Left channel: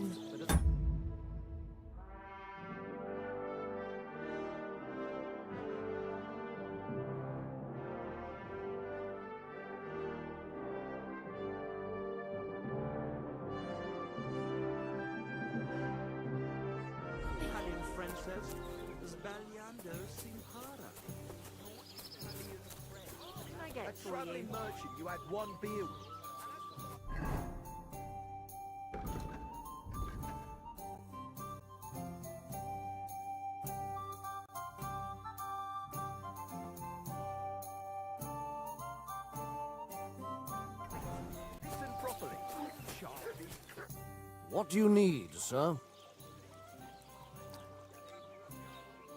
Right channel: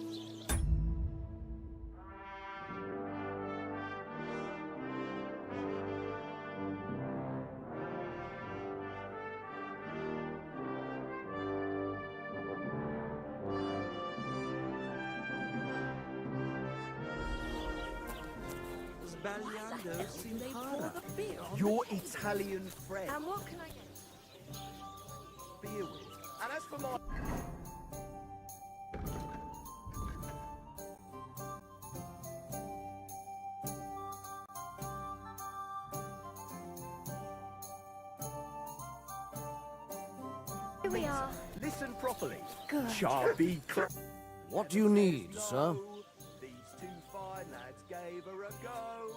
again. Sbagliando Simpara. Your Italian friend. And what can I get for you? Merchant you had one beer with. And as for my... Here we are. Listen properly. Good. Charby What do you need, sir? These two fine lads gave her a go.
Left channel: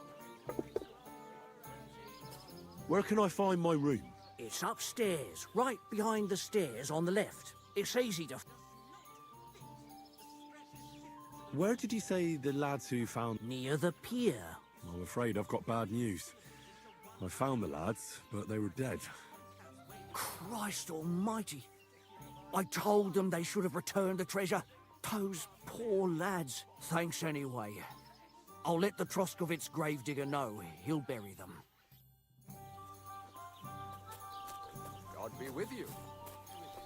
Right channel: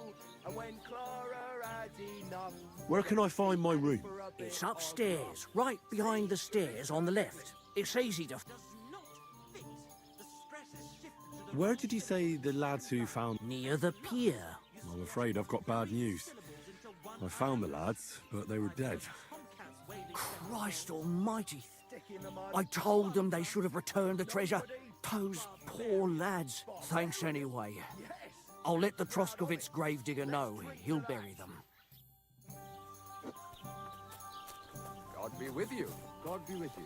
And when Clara had enough... Where can I find my room? It's upstairs, right behind the stairs on the left. It's easy to... Where did you say the lads who found... Near the pier. I'm afraid I've got bad news. I found the lads, but they were dead. Christ almighty. I told them they should have returned the treasure. Those poor lads. Thanks anyway. I'll let the Troskovitz gravedigger know. He'll bury them. God be with you. God be with you.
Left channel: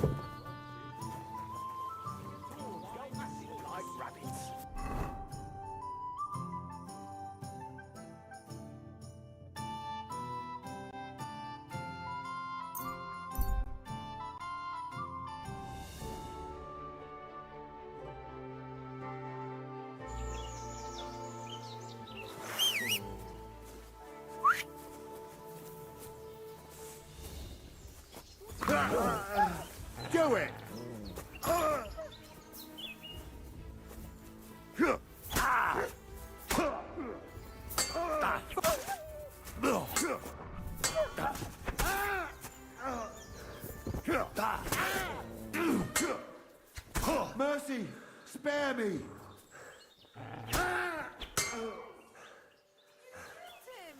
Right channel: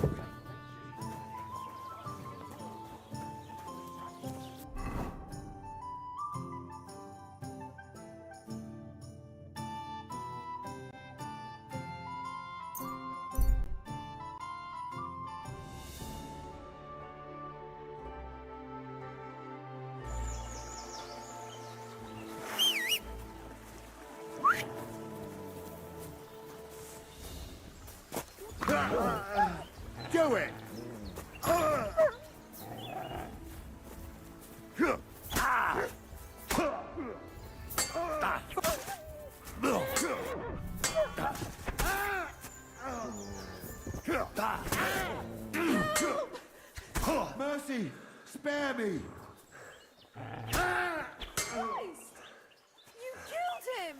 Like rabbits. Do it! Mercy! Spare me! You killed him!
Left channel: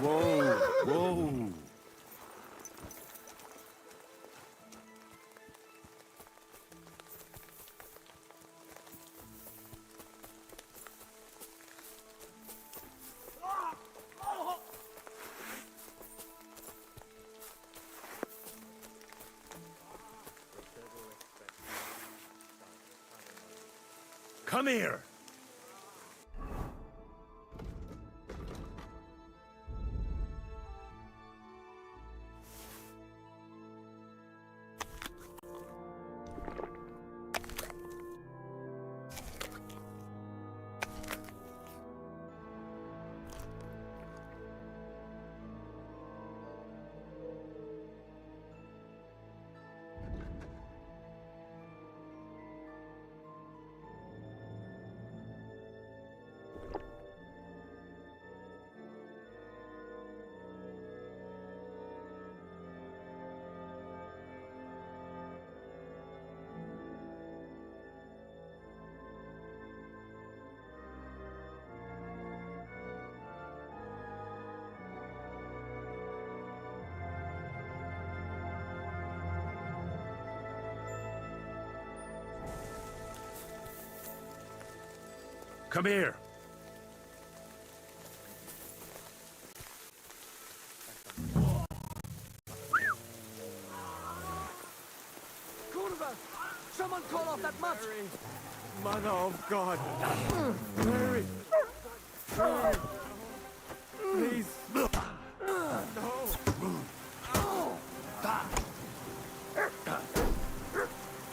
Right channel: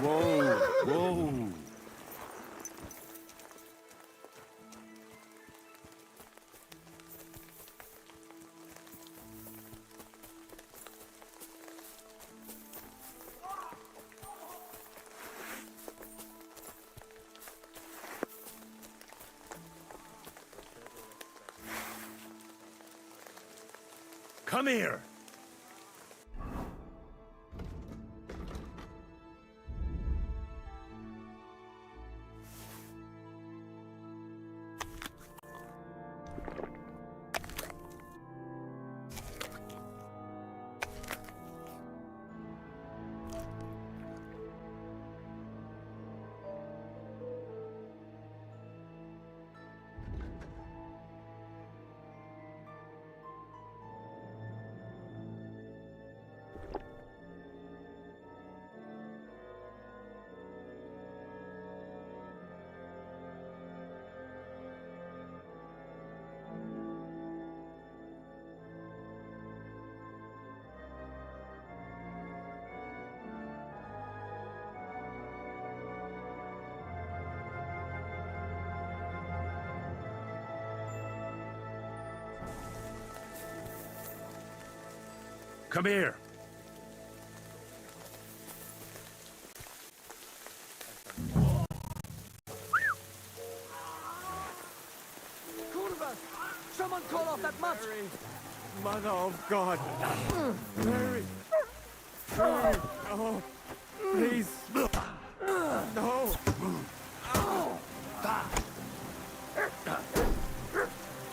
Whoa, whoa. Come here. Come here. Come over! Someone call off that mutt! Mother of God! Mary! Mary! Oh, please! No!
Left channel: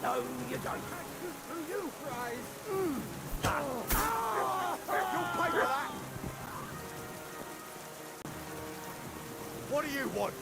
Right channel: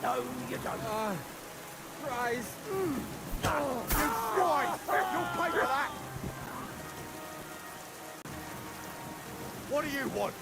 No, you don't. Christ! Right, you'll pay for that. What do you want?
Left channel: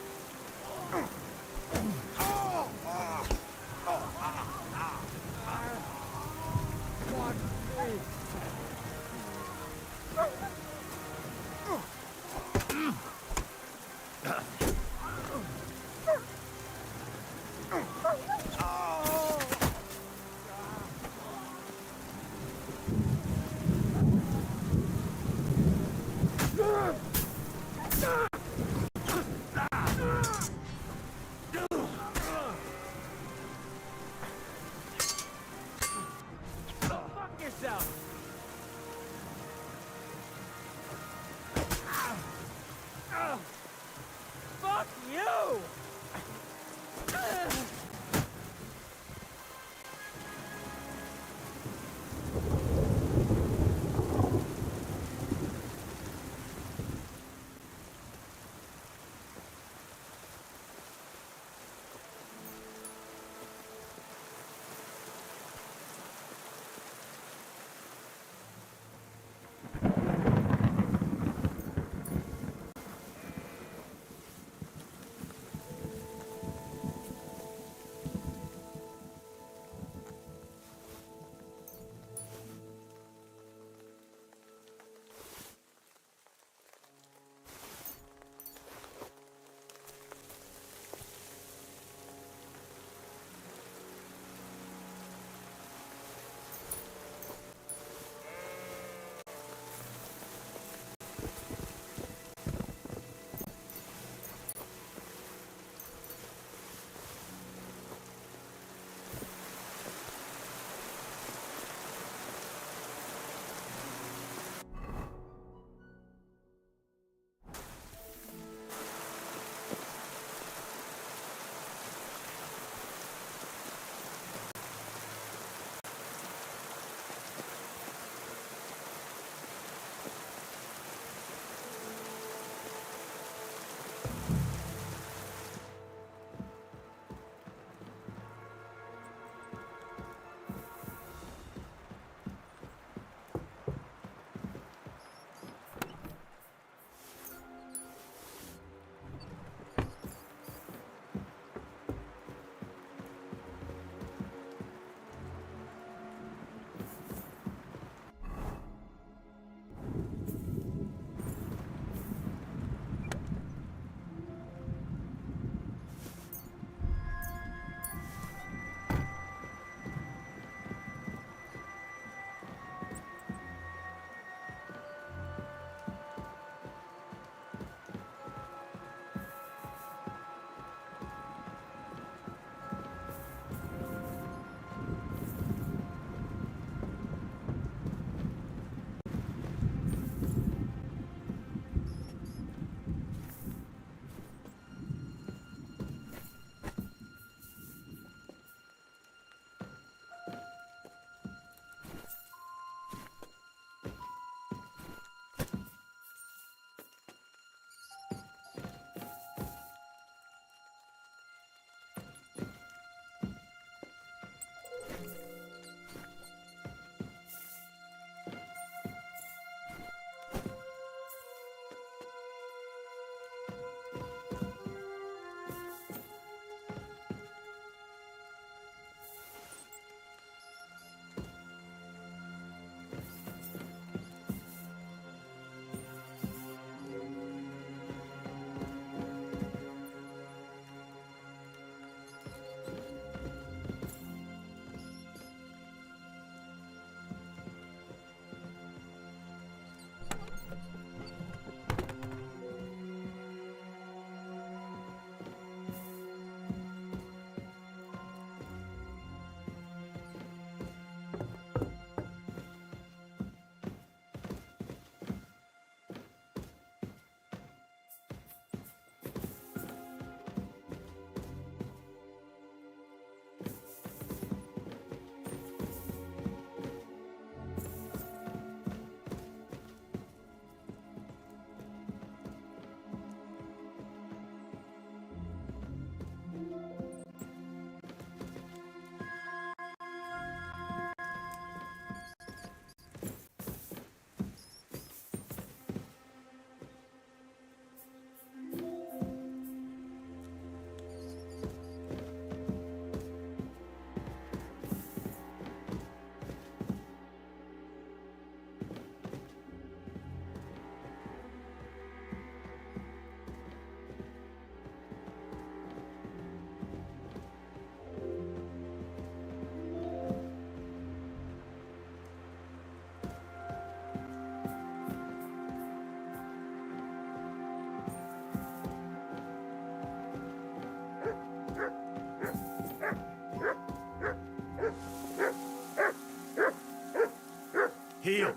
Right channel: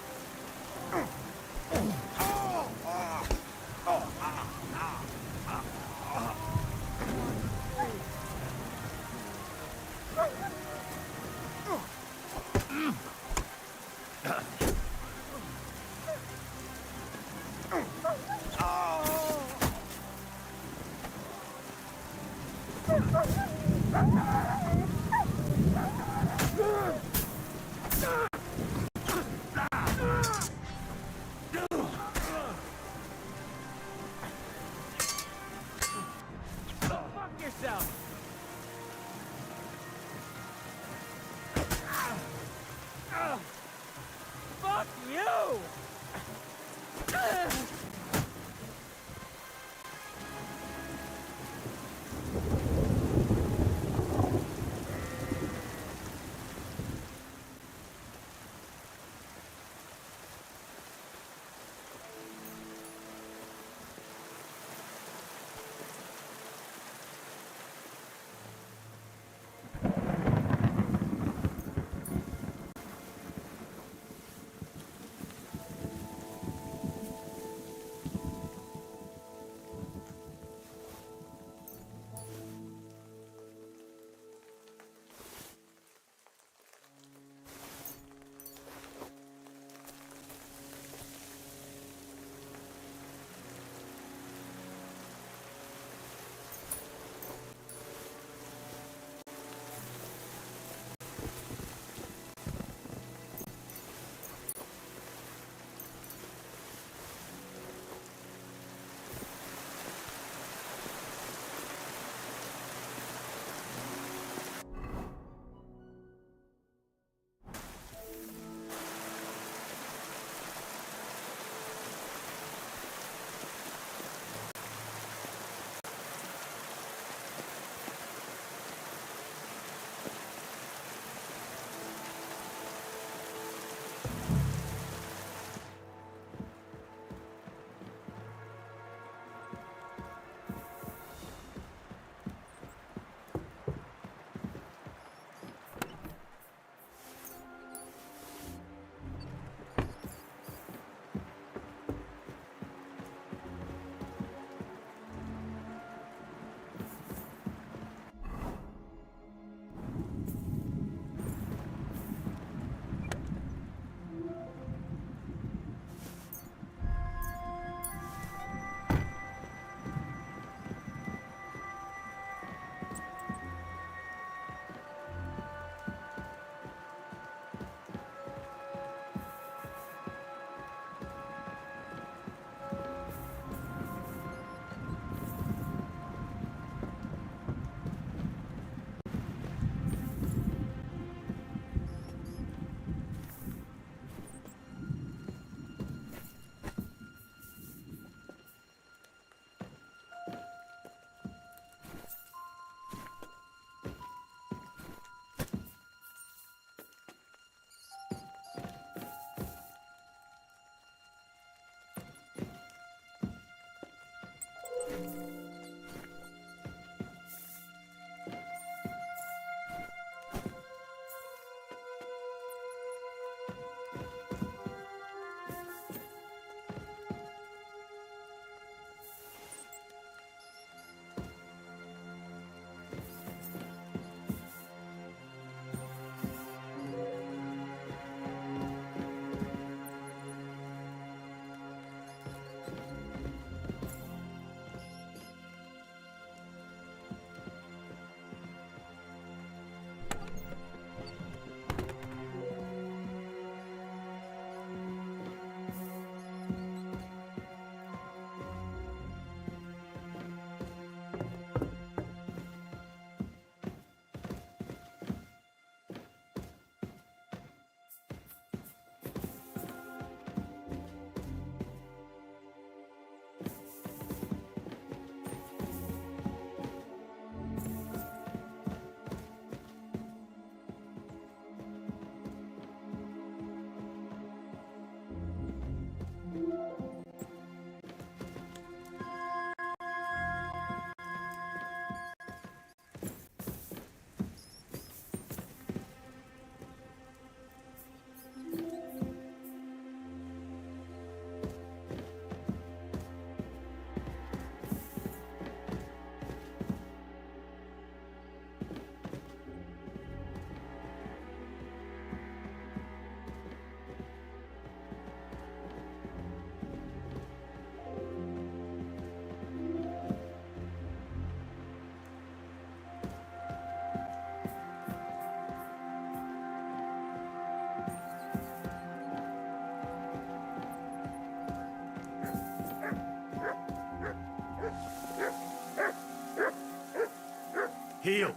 Heel!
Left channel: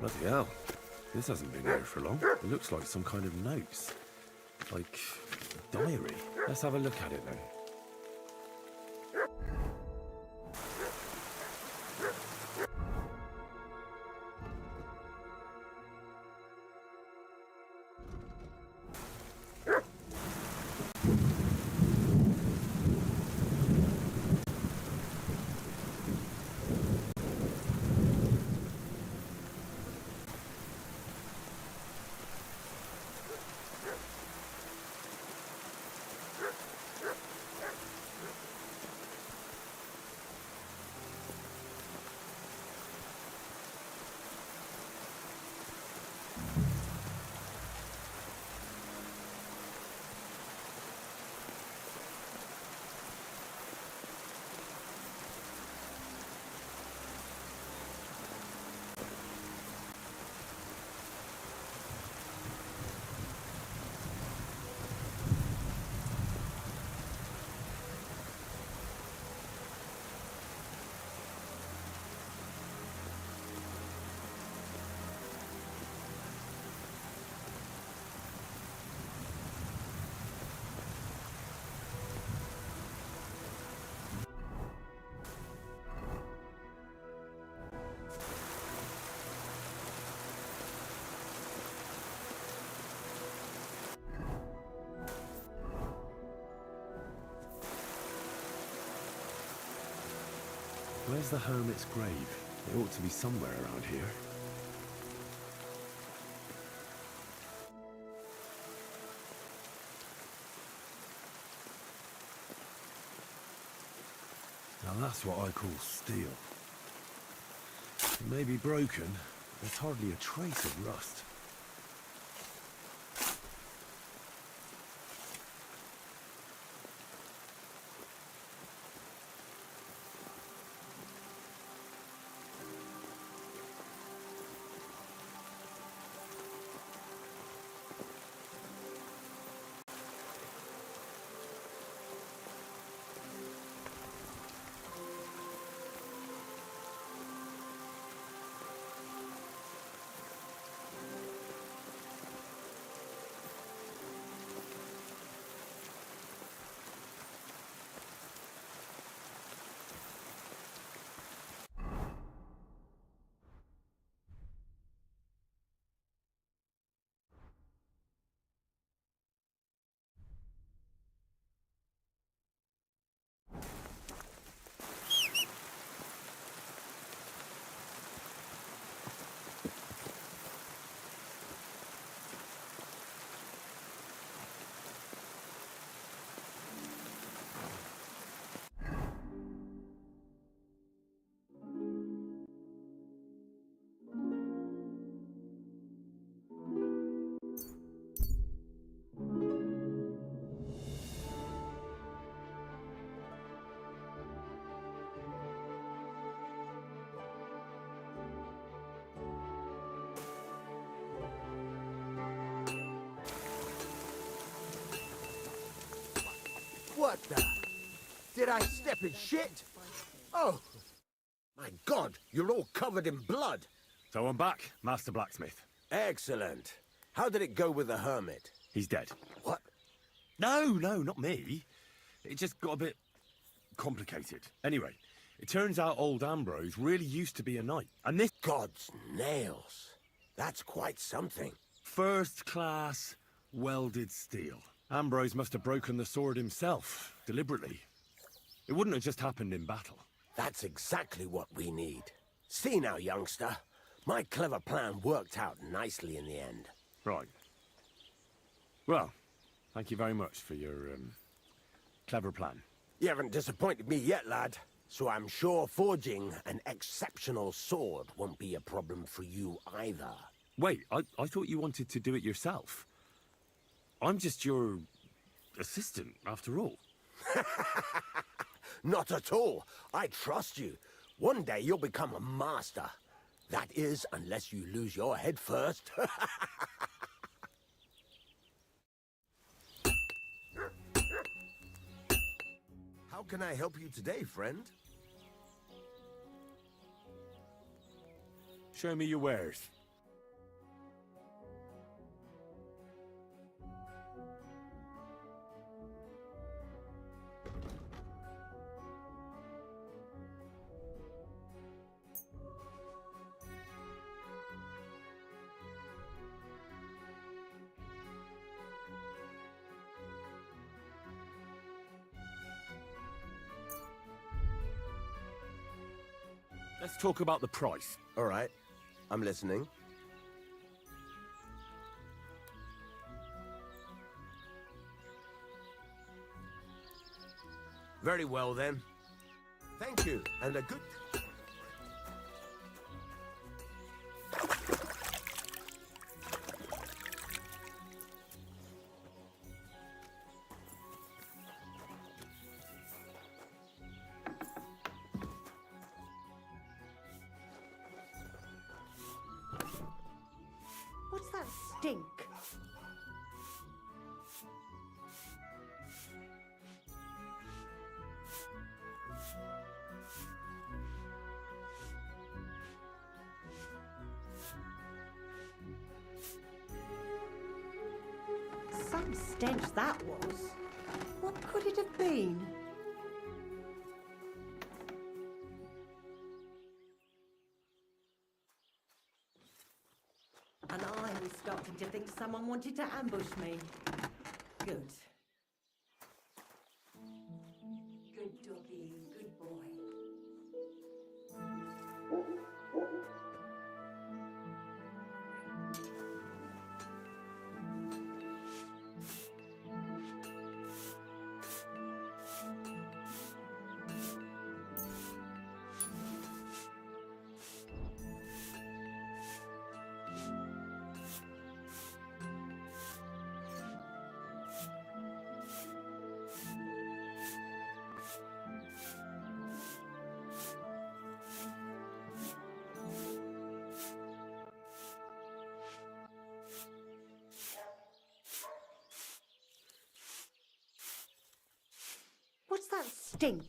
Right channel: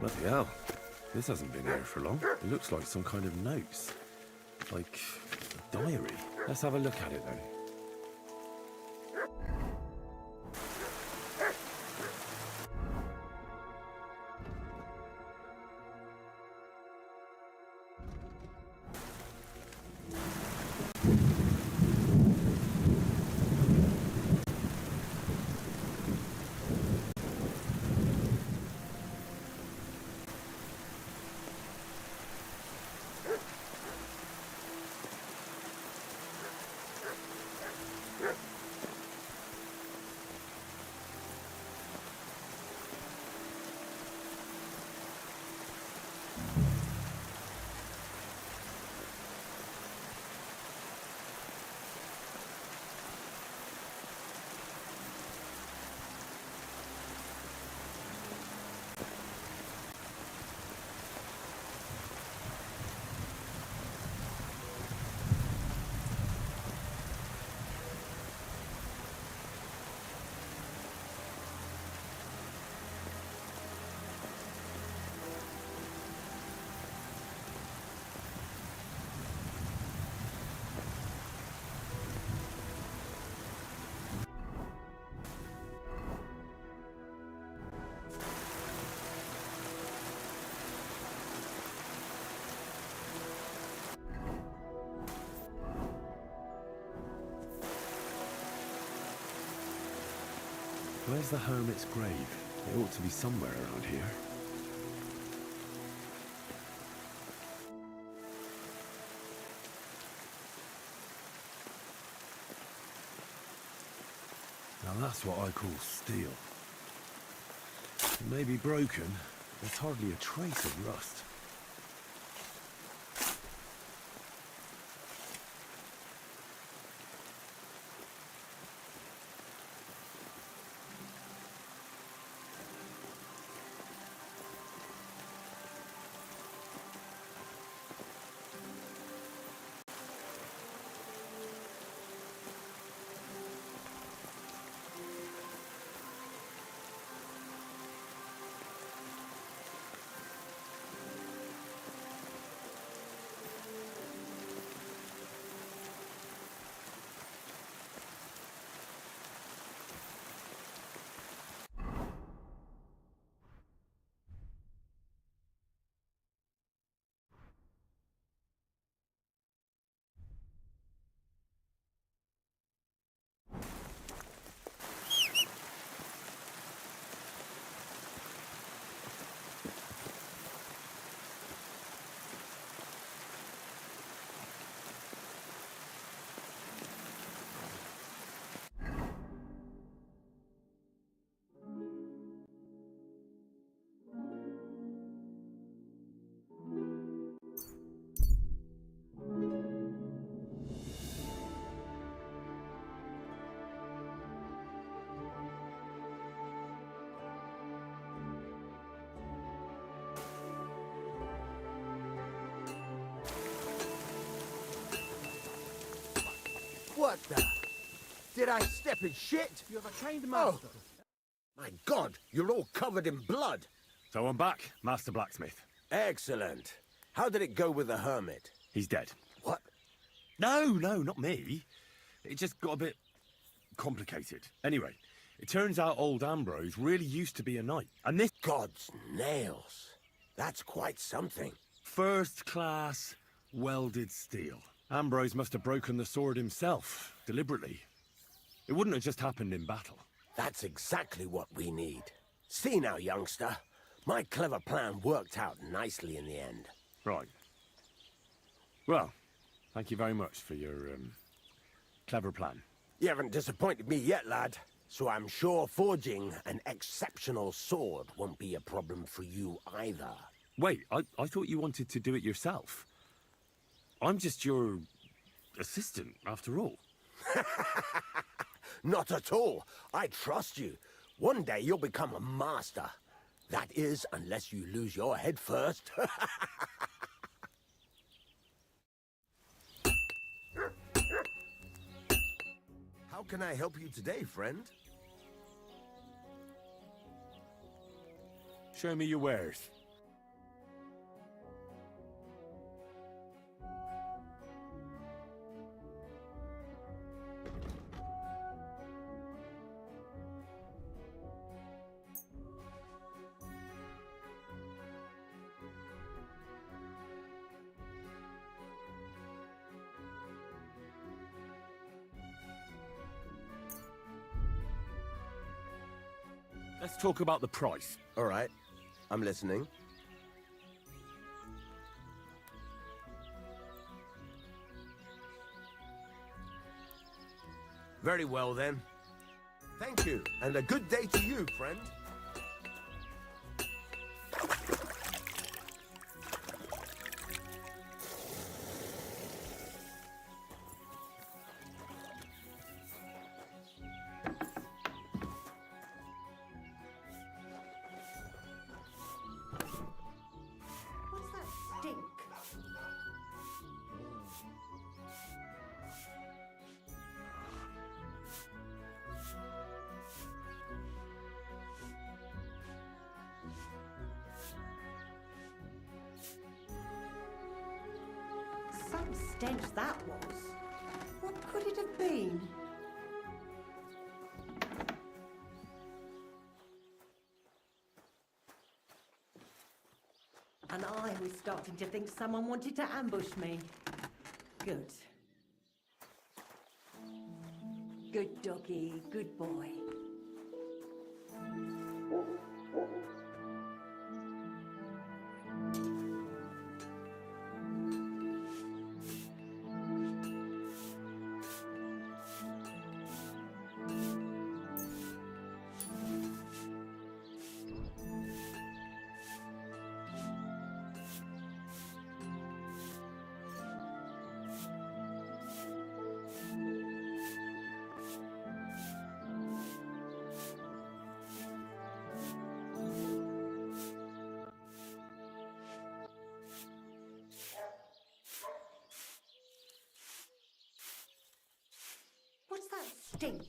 Bloody hell. This hasn't been here for long. It looks like some kind of notes. Like a diary. Let's have a look at it then. Where's the hermit's grave? It ought to be somewhere around here. Now that's what I call steel. It may be broken, there's hardly a trace of rust. What the? Did I step in shit? Oh, my God, you're all covered in blood. So I'm back, Master Blacksmith. Excellent. How did it go with the hermit? He's dead. What? No, not me. It just got a bit complicated. Anyway, it turns out old Ambrose really used to be a knight. And this God's nails. That's quite something. first-class welded steel. Ambrose must have broken the sword himself, deliberately. It wouldn't have just happened in battle. That's exactly what we need. See now, youngster. My clever plan worked out nicely in the end. Right. Well, thank you very much for your, clever plan. You haven't disappointed me yet, lad. So I'm sure forging an exceptional sword won't be a problem for you either. Wait, I thought you wanted to do it yourself. I'm just your assistant, after all. Not at all. I trust you. One day you'll become a master. That is, unless you lose your head first. How can I help you today, friend? Show me your wares. Let's talk about the price. All right. I'm listening. Very well, then. Thank you, and a good day to you, friend. What's that stink? Some stench that was. What could it have been? And I was starting to think someone wanted to ambush me. Good. Good doggy, good boy. What's that stink?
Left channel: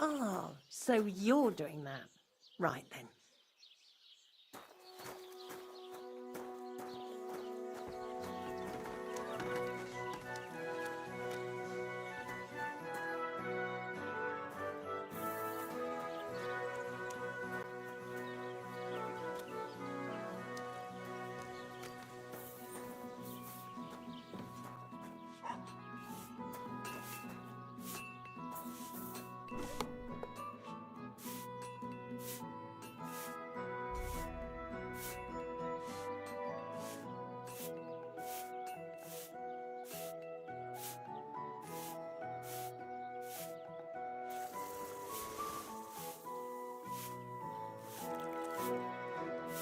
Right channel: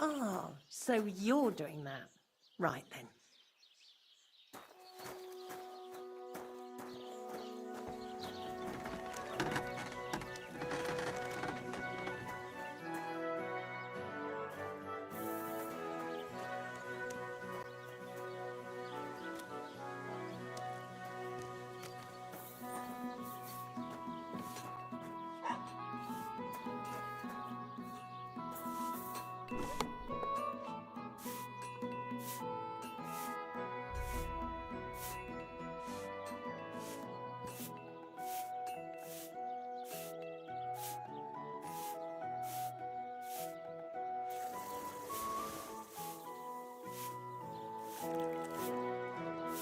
Oh, so you're doing that. Right then.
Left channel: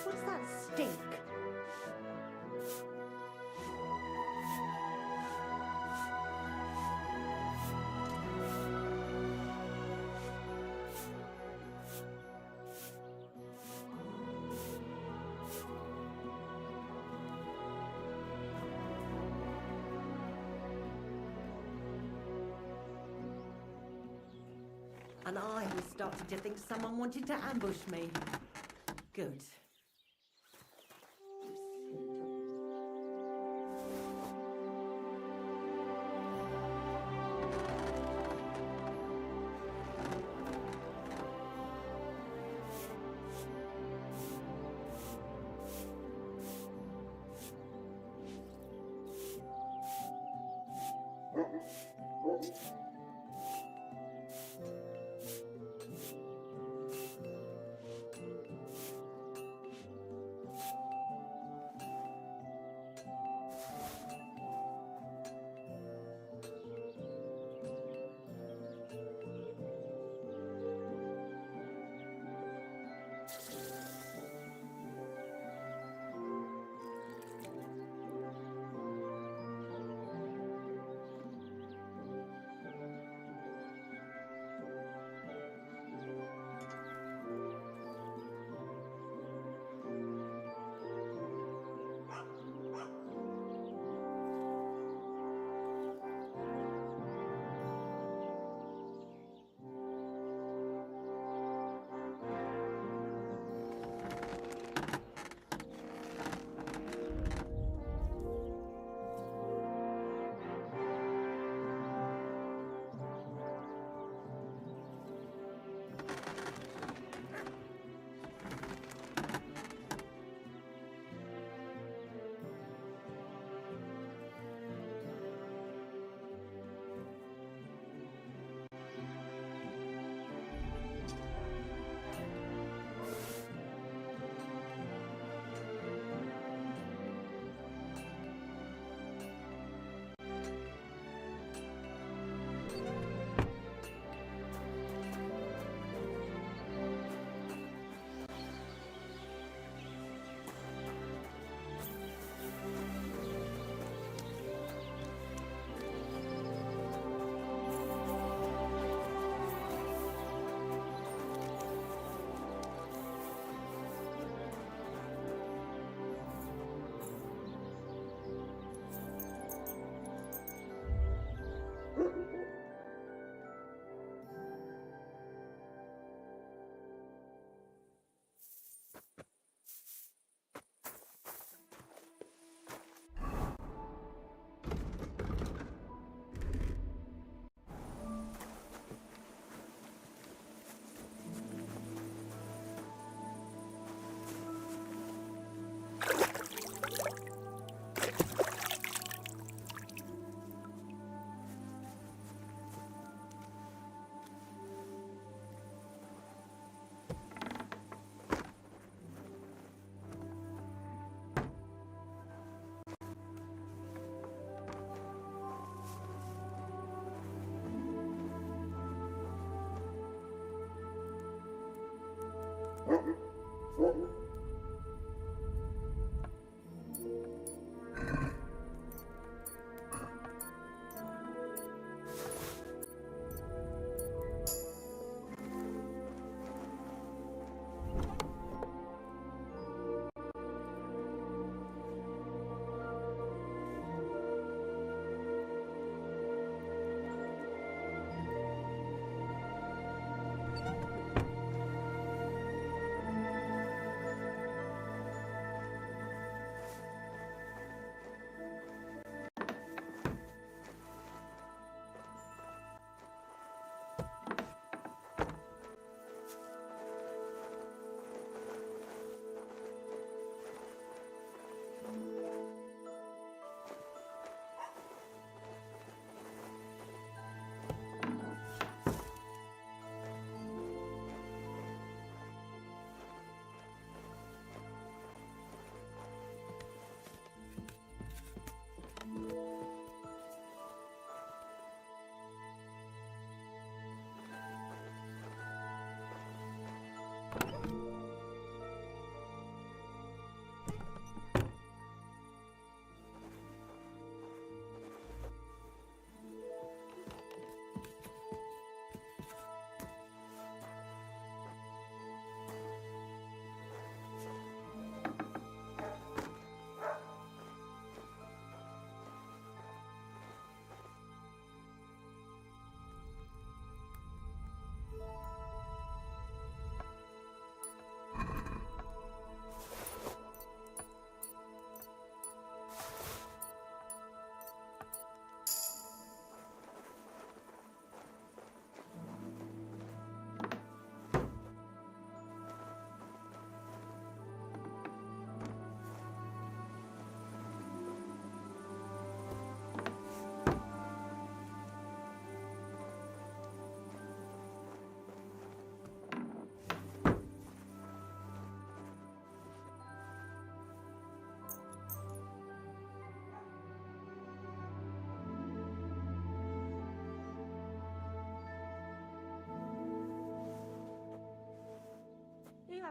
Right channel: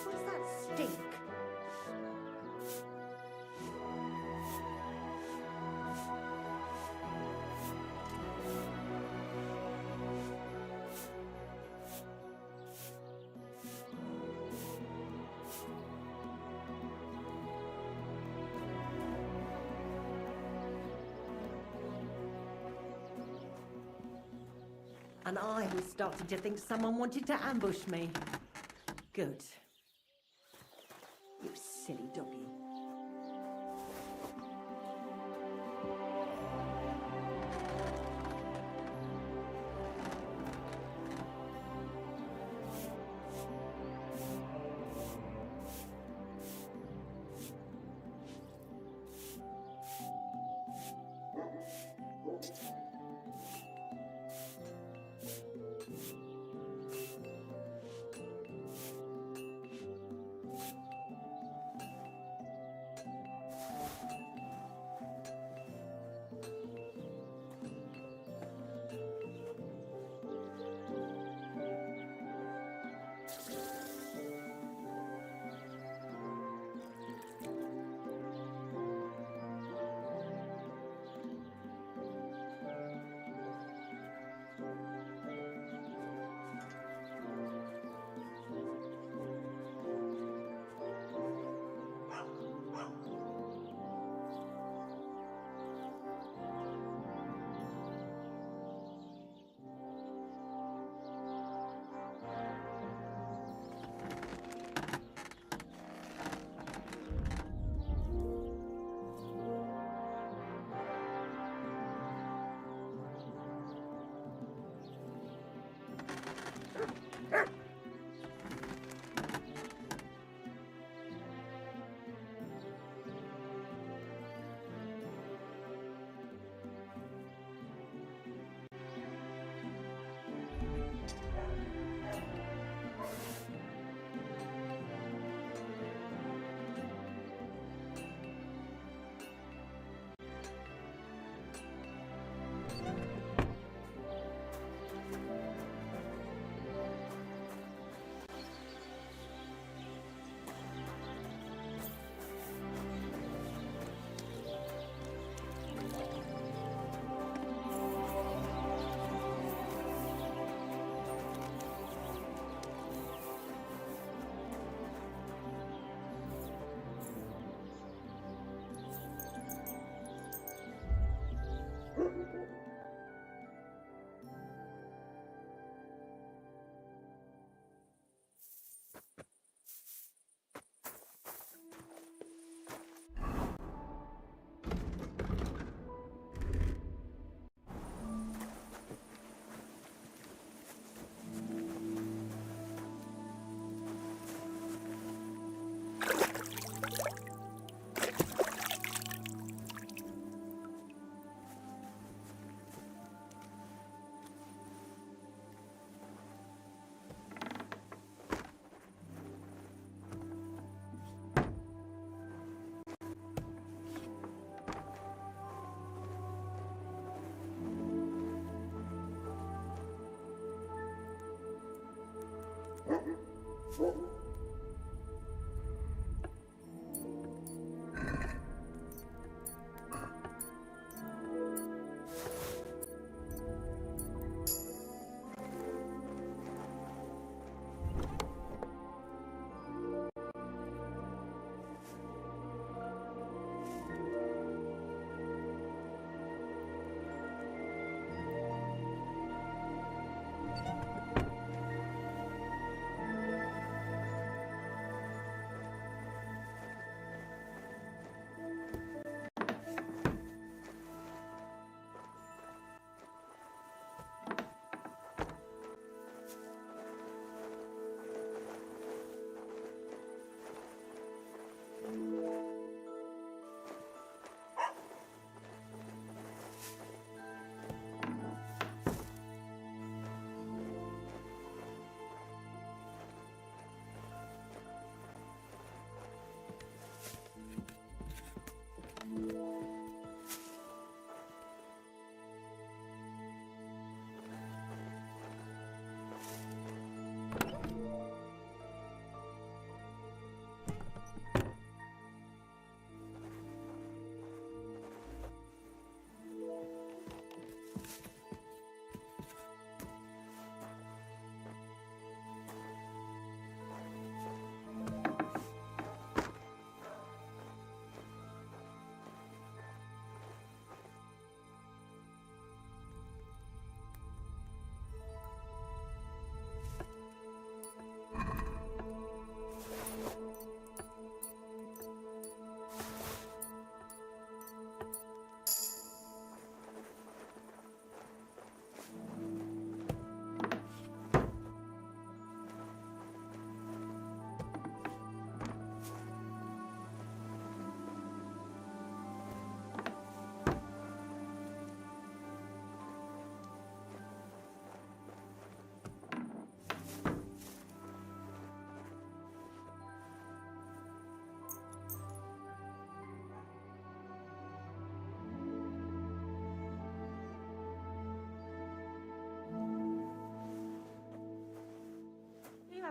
What's that stink? And I was starting to think someone wanted to ambush me. Good. You silly doggy.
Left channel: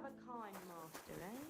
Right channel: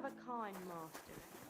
have a kind master, eh?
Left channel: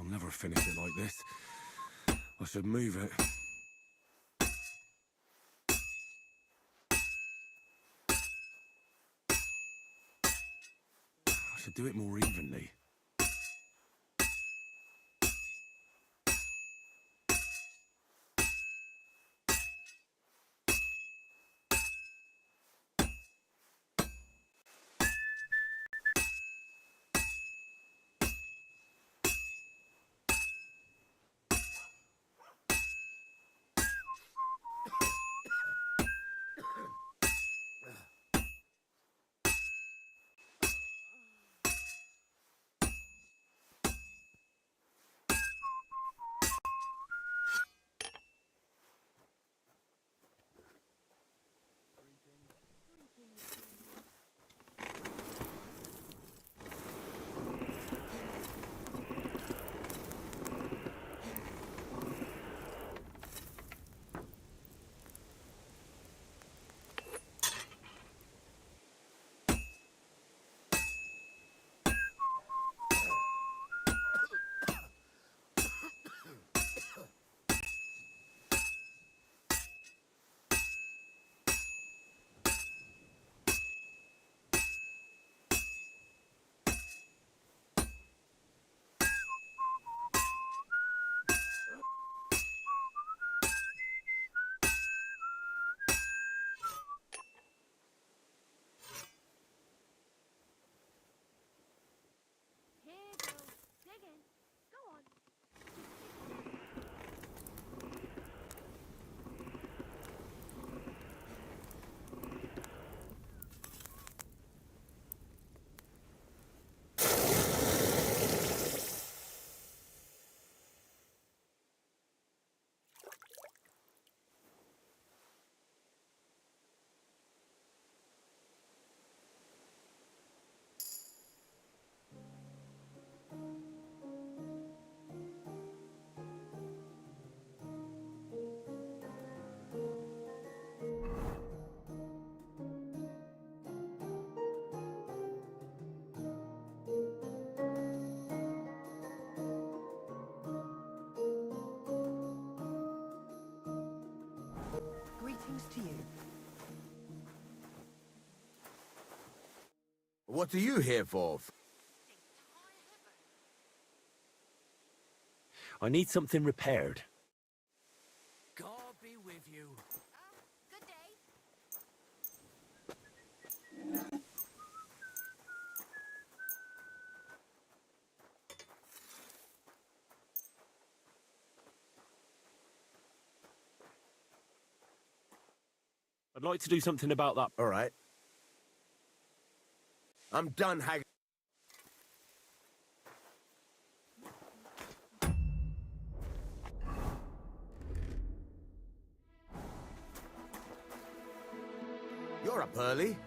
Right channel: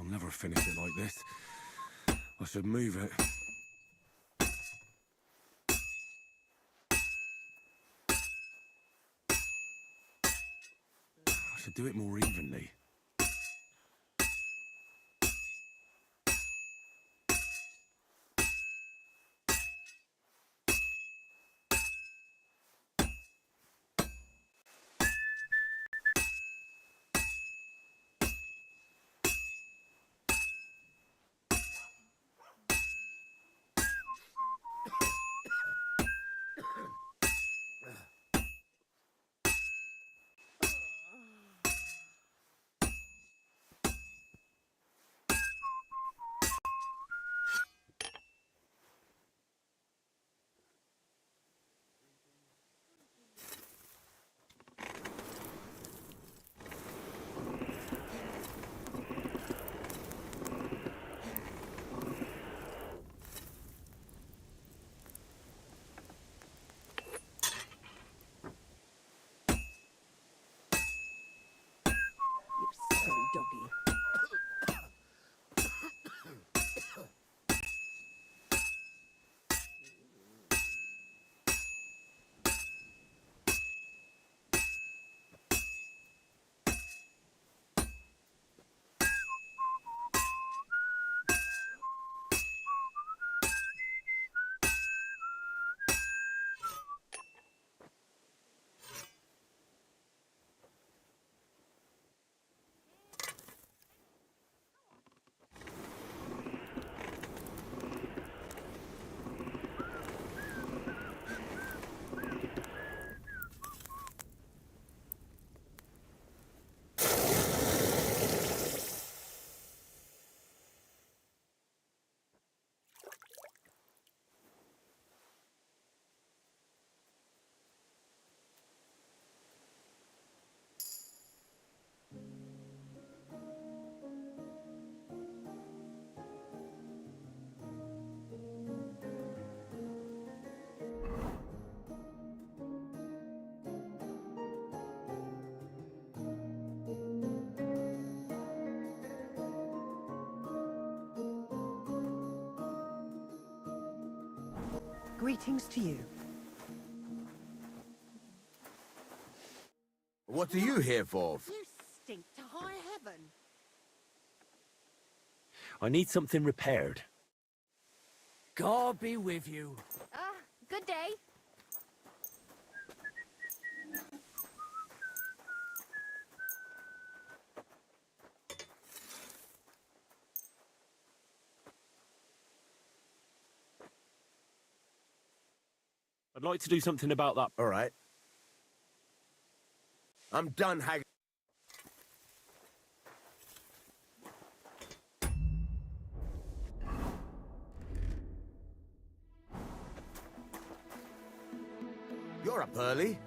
I'll never finish it like this. I should move it. I should do it more evenly. Greetings to you. What are you here for? You stink to high heaven. I need something repaired. God be with you. Good day. I'd like to do something about that. All right. I'm done haggling. You're up early.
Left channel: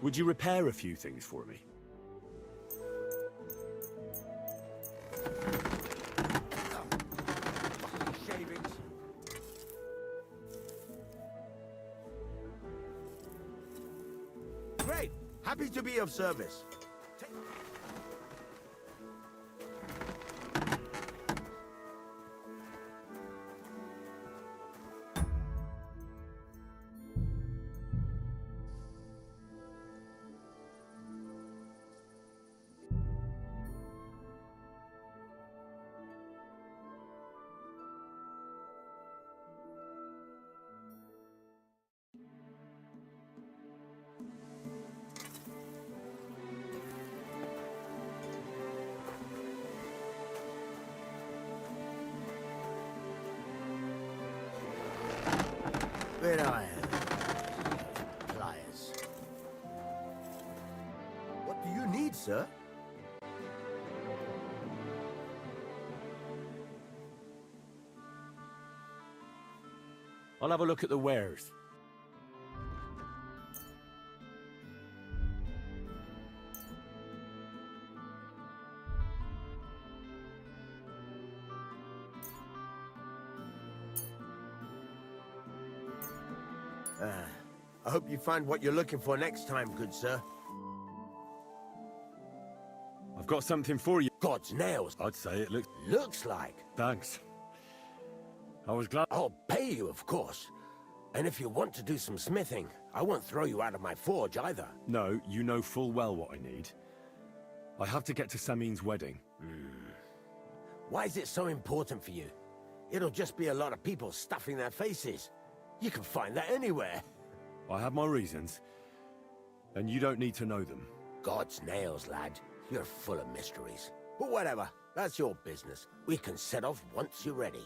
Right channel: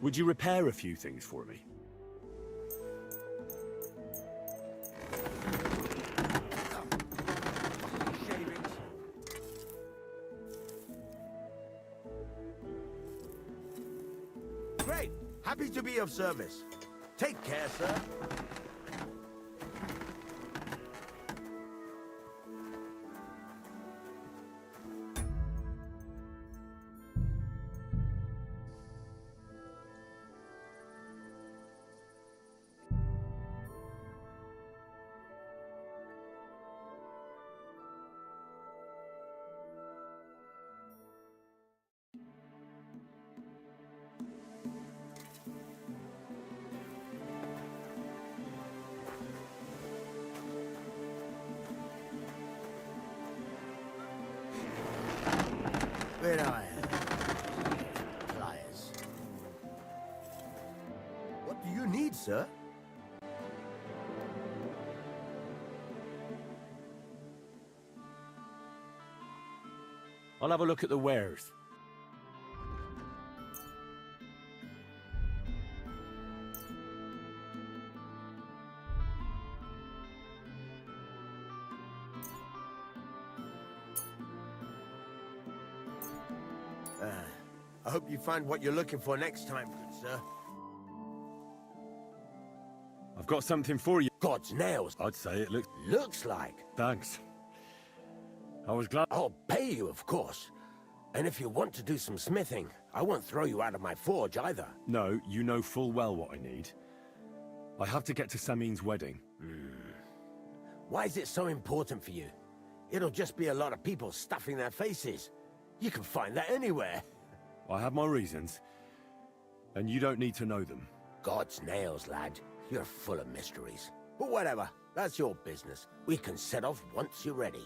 Would you repair a few things for me? Shavings. Great. Happy to be of service. Take care, sir. Where do I have pliers? What do you need, sir? I'll have a look at the wares. I hope you find what you're looking for next time, good sir. I've got something for you. God's nails. I'd say it looks... Looks like. Thanks. I was glad... I'll pay you, of course. And if you want to do some smithing, I won't throw you out of my forge either. No, you know full well what I need. I have to get to Samin's wedding. Why is it so important for you? It'll just be a lot of people stuffing their faces. You can find that anywhere. I have my reasons, and you don't need to know them. God's nails, lad. You're full of mysteries. But whatever, that's your business. We can set off once you're ready.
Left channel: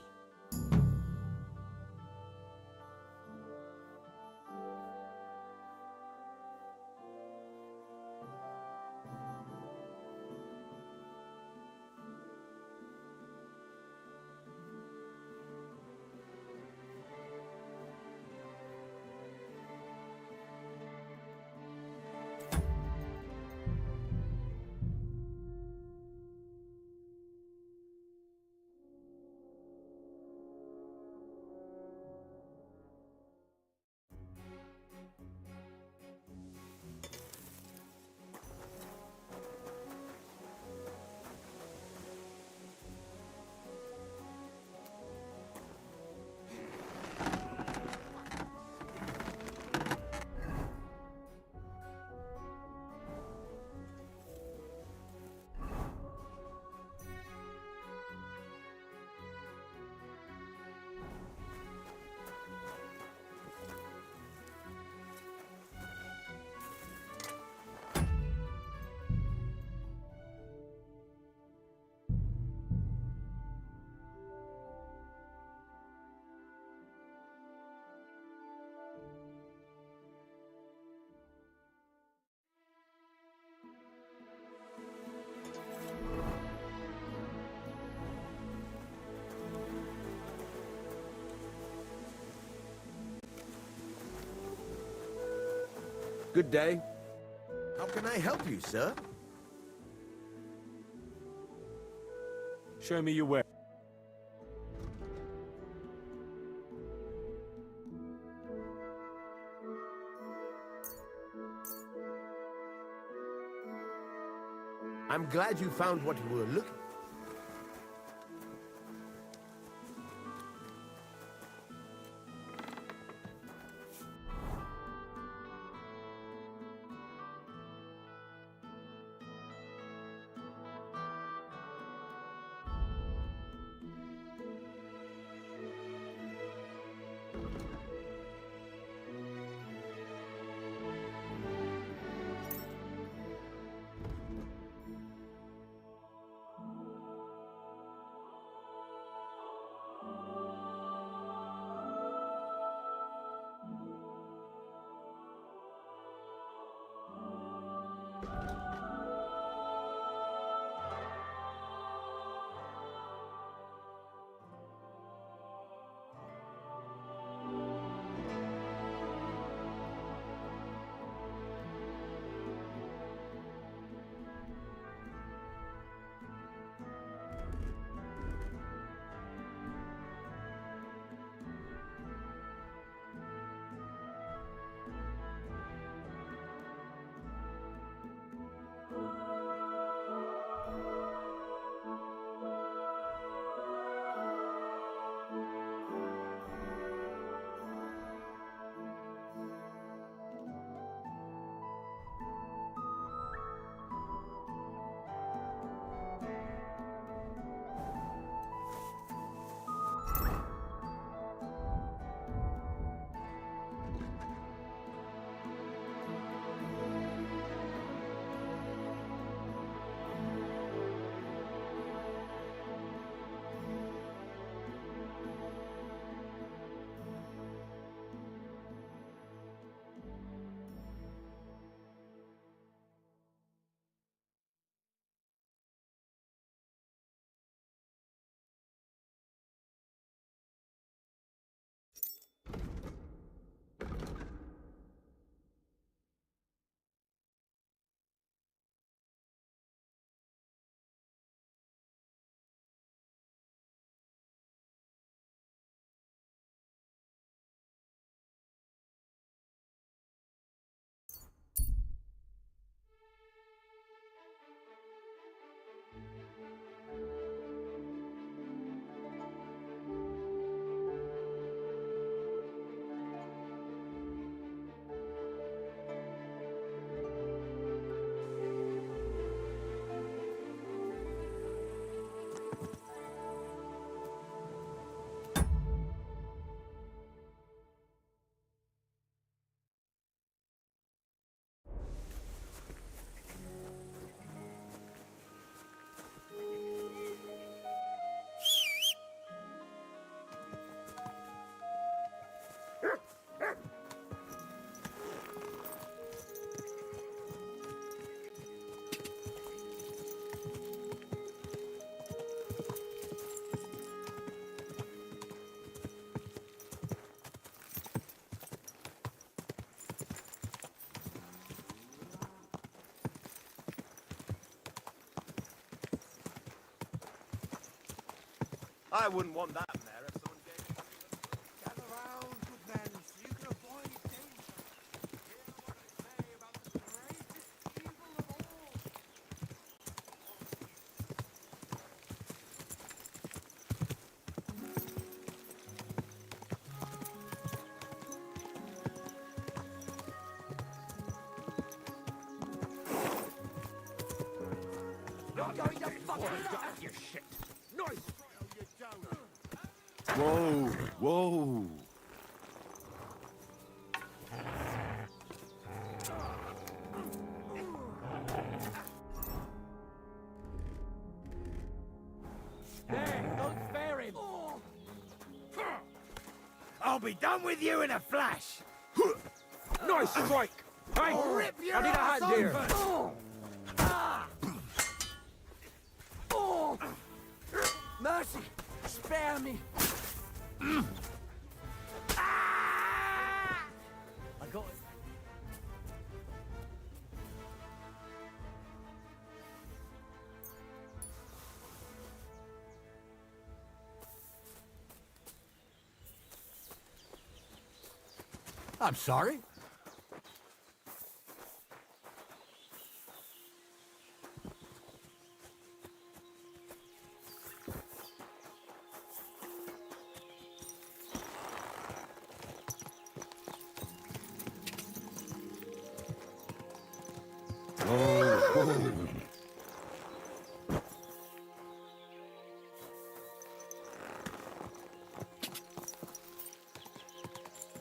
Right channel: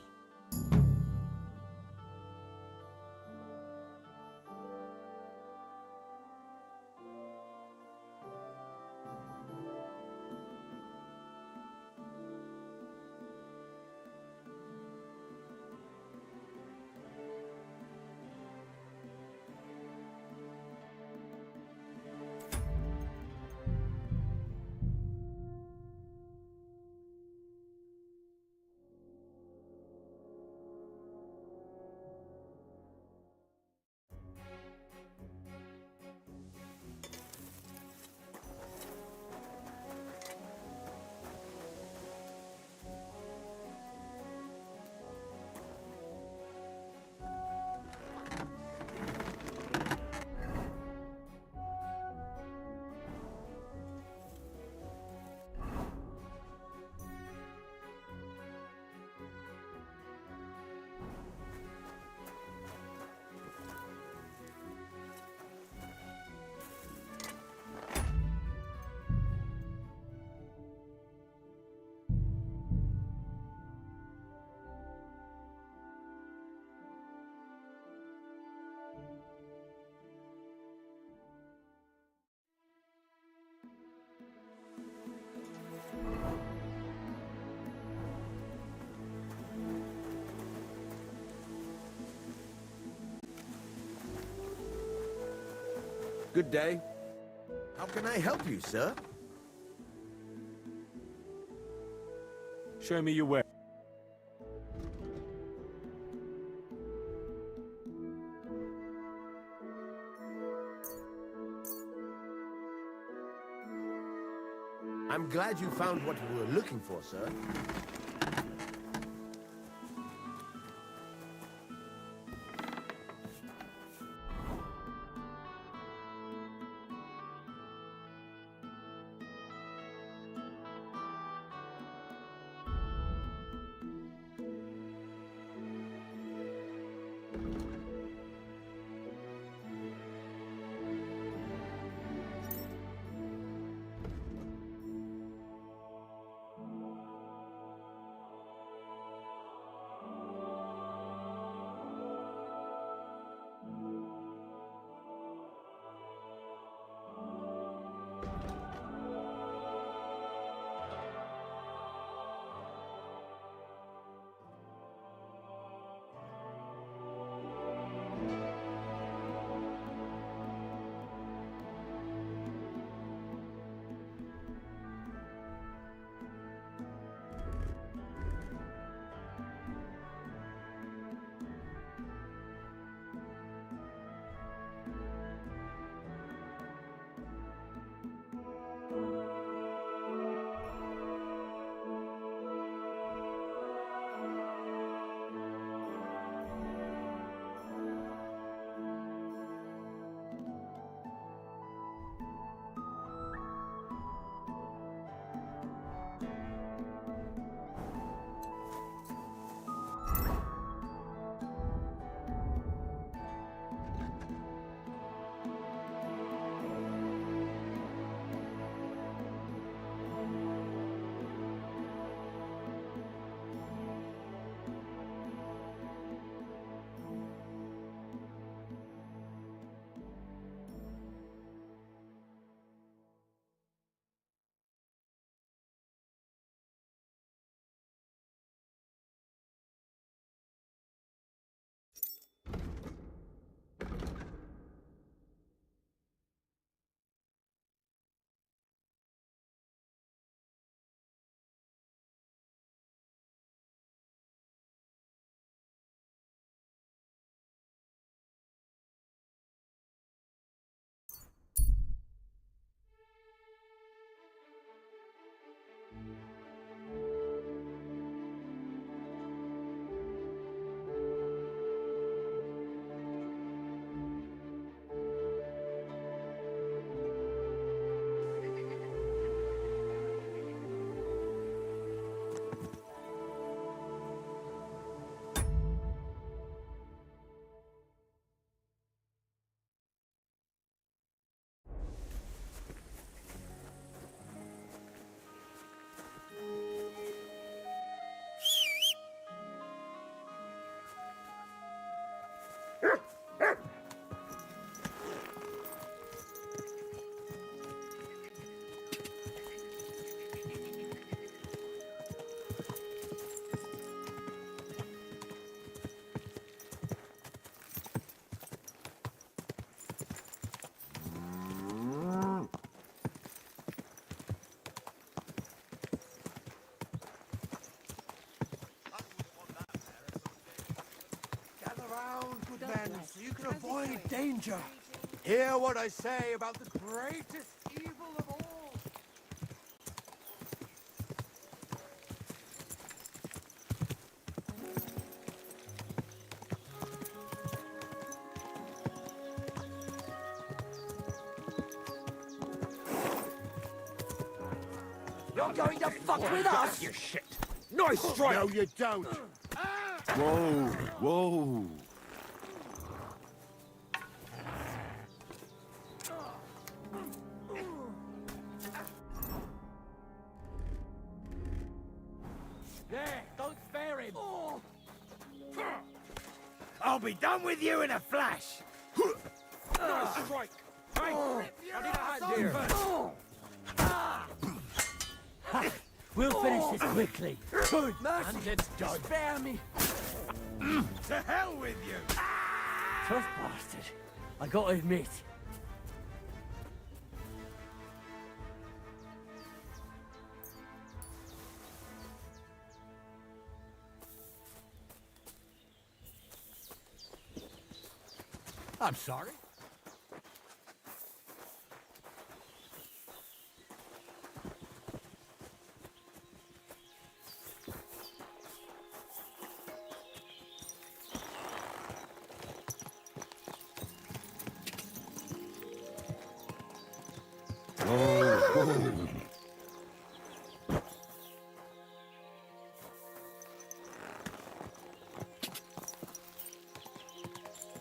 Good day. How can I help you, sir? Show me your ware. I'm glad you found what you were looking for, sir. I wouldn't want that marathon game. Gather round, good men, so you can avoid danger. Hear what I say about the greatest evil of all. You're going to fuck with us! You shit. Nice strike. No, you don't. Whoa, whoa. There, don't spare him! I'll be done with you in a flash. Nice strike. Hey, I need a hand here. We'll finish this quickly. Mercy, spare me! To hell with you. First bastard, I gotta admit. I'm sorry.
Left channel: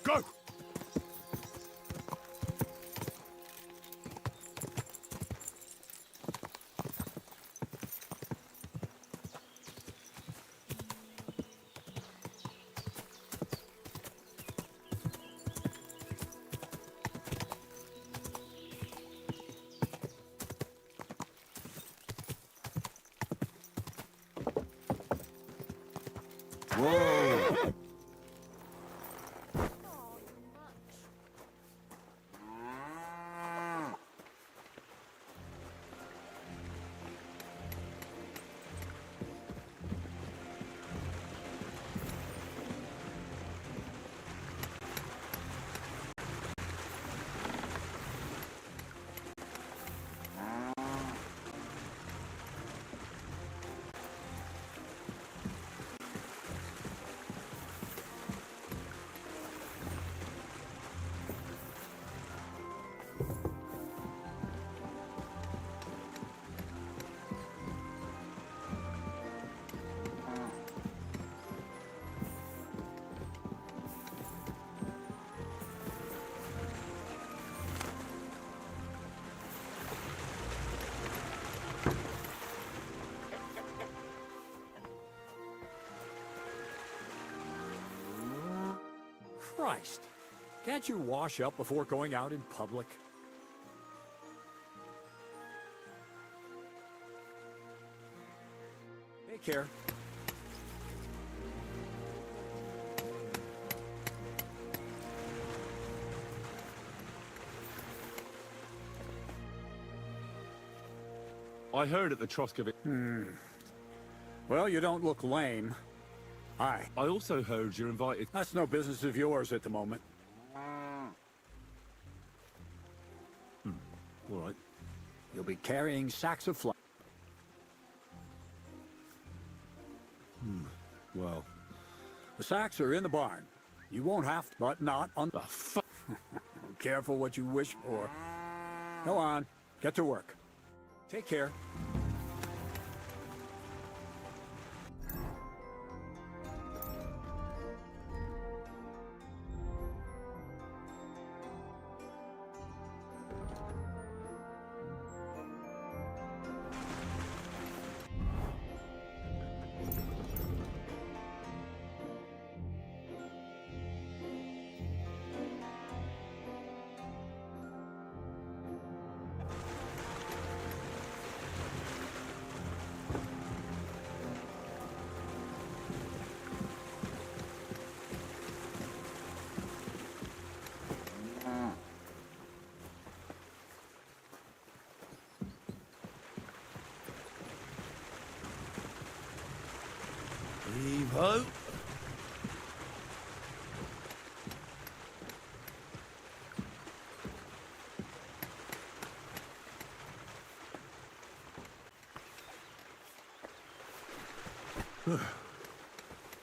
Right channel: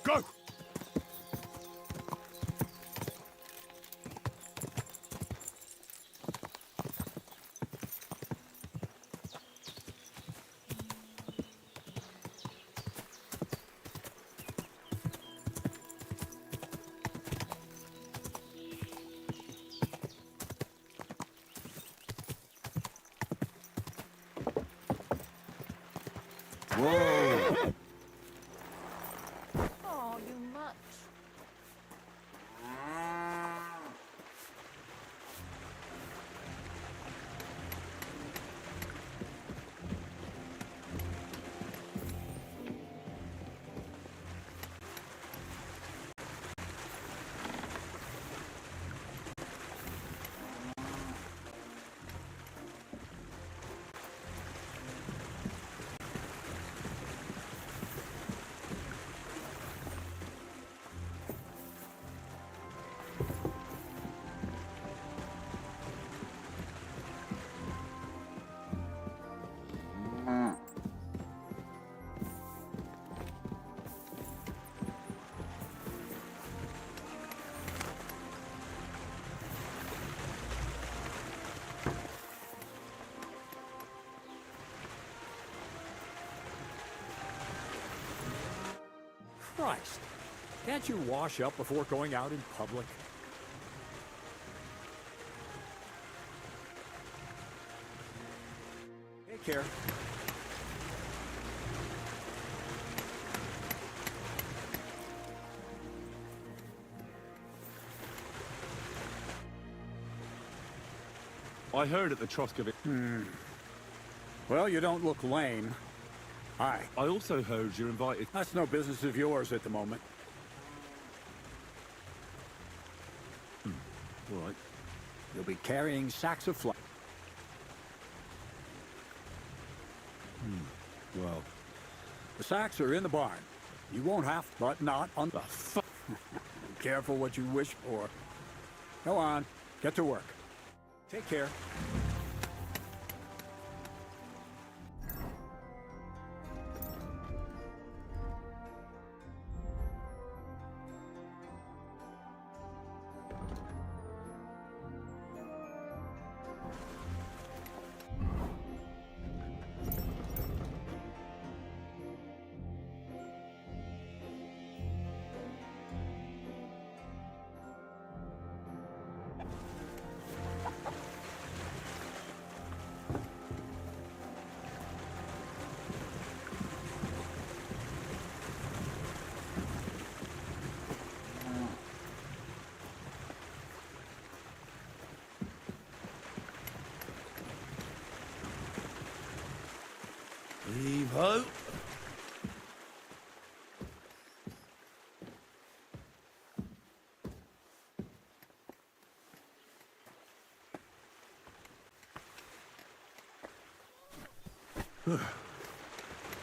Go! Whoa! Oh, you much. Christ. Can't you wash up before going out in public? Take care. I heard at the Troskovich. Well, you don't look lame. Hi. I also heard you're invited. That's no business of yours at the moment. All right. You'll be carrying sacks of flour. Well. The sacks are in the barn. You won't have, but not on. Ah, fuck. Careful what you wish for. Go on. Get to work. Take care.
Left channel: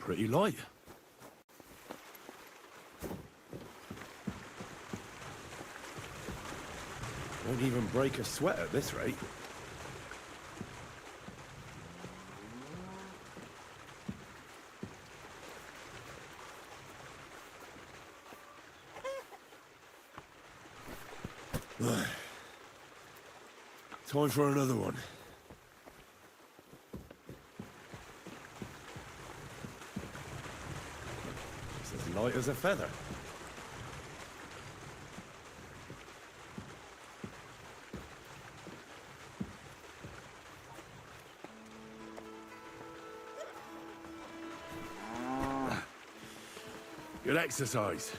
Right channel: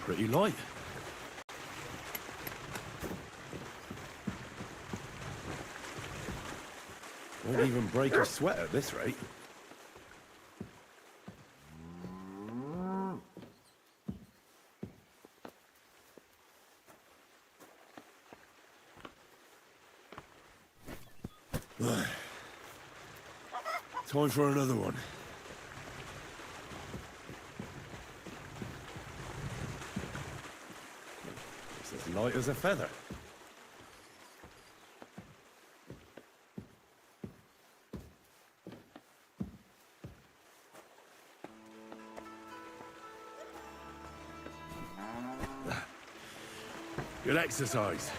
Pretty light. Won't even break a sweat at this rate. Time for another one. It's as light as a feather. Good exercise.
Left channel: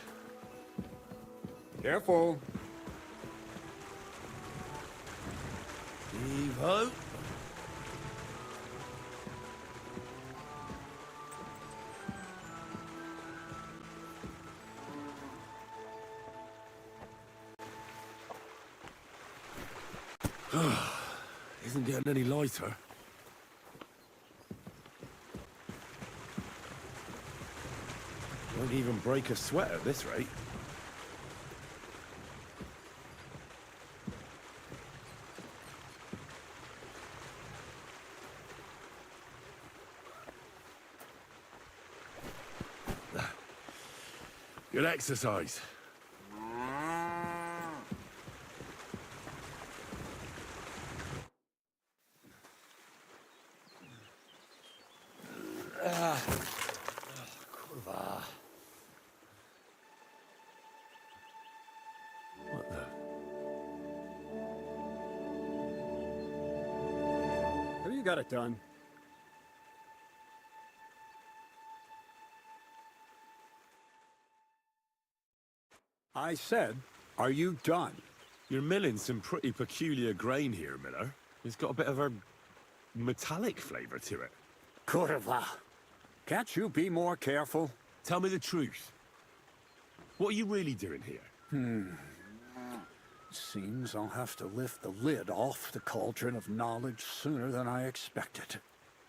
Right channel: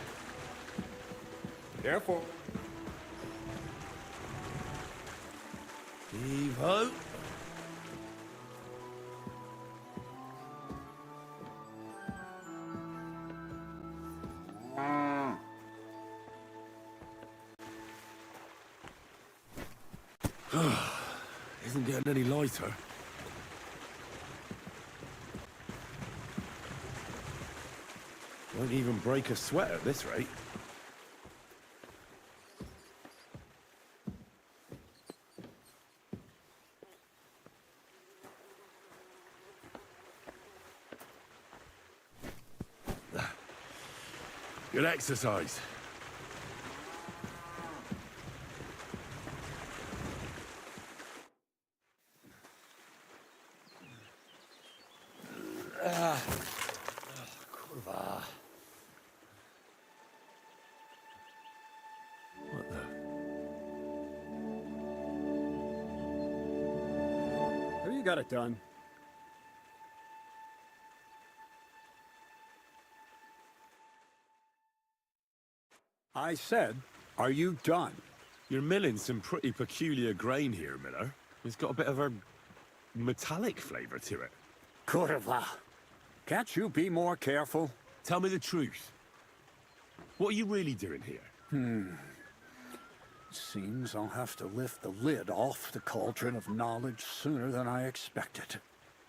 Careful. Heave-ho. Isn't getting any lighter. Won't even break a sweat at this rate. Good exercise. Kurwa. What the? Have you got it done? I said, are you done? You're milling some pretty peculiar grain here, Miller. It's got a bit of a metallic flavour to it. Kurwa. Can't you be more careful? Tell me the truth. What are you really doing here? Seems I'll have to lift the lid off the cauldron of knowledge sooner than I expected.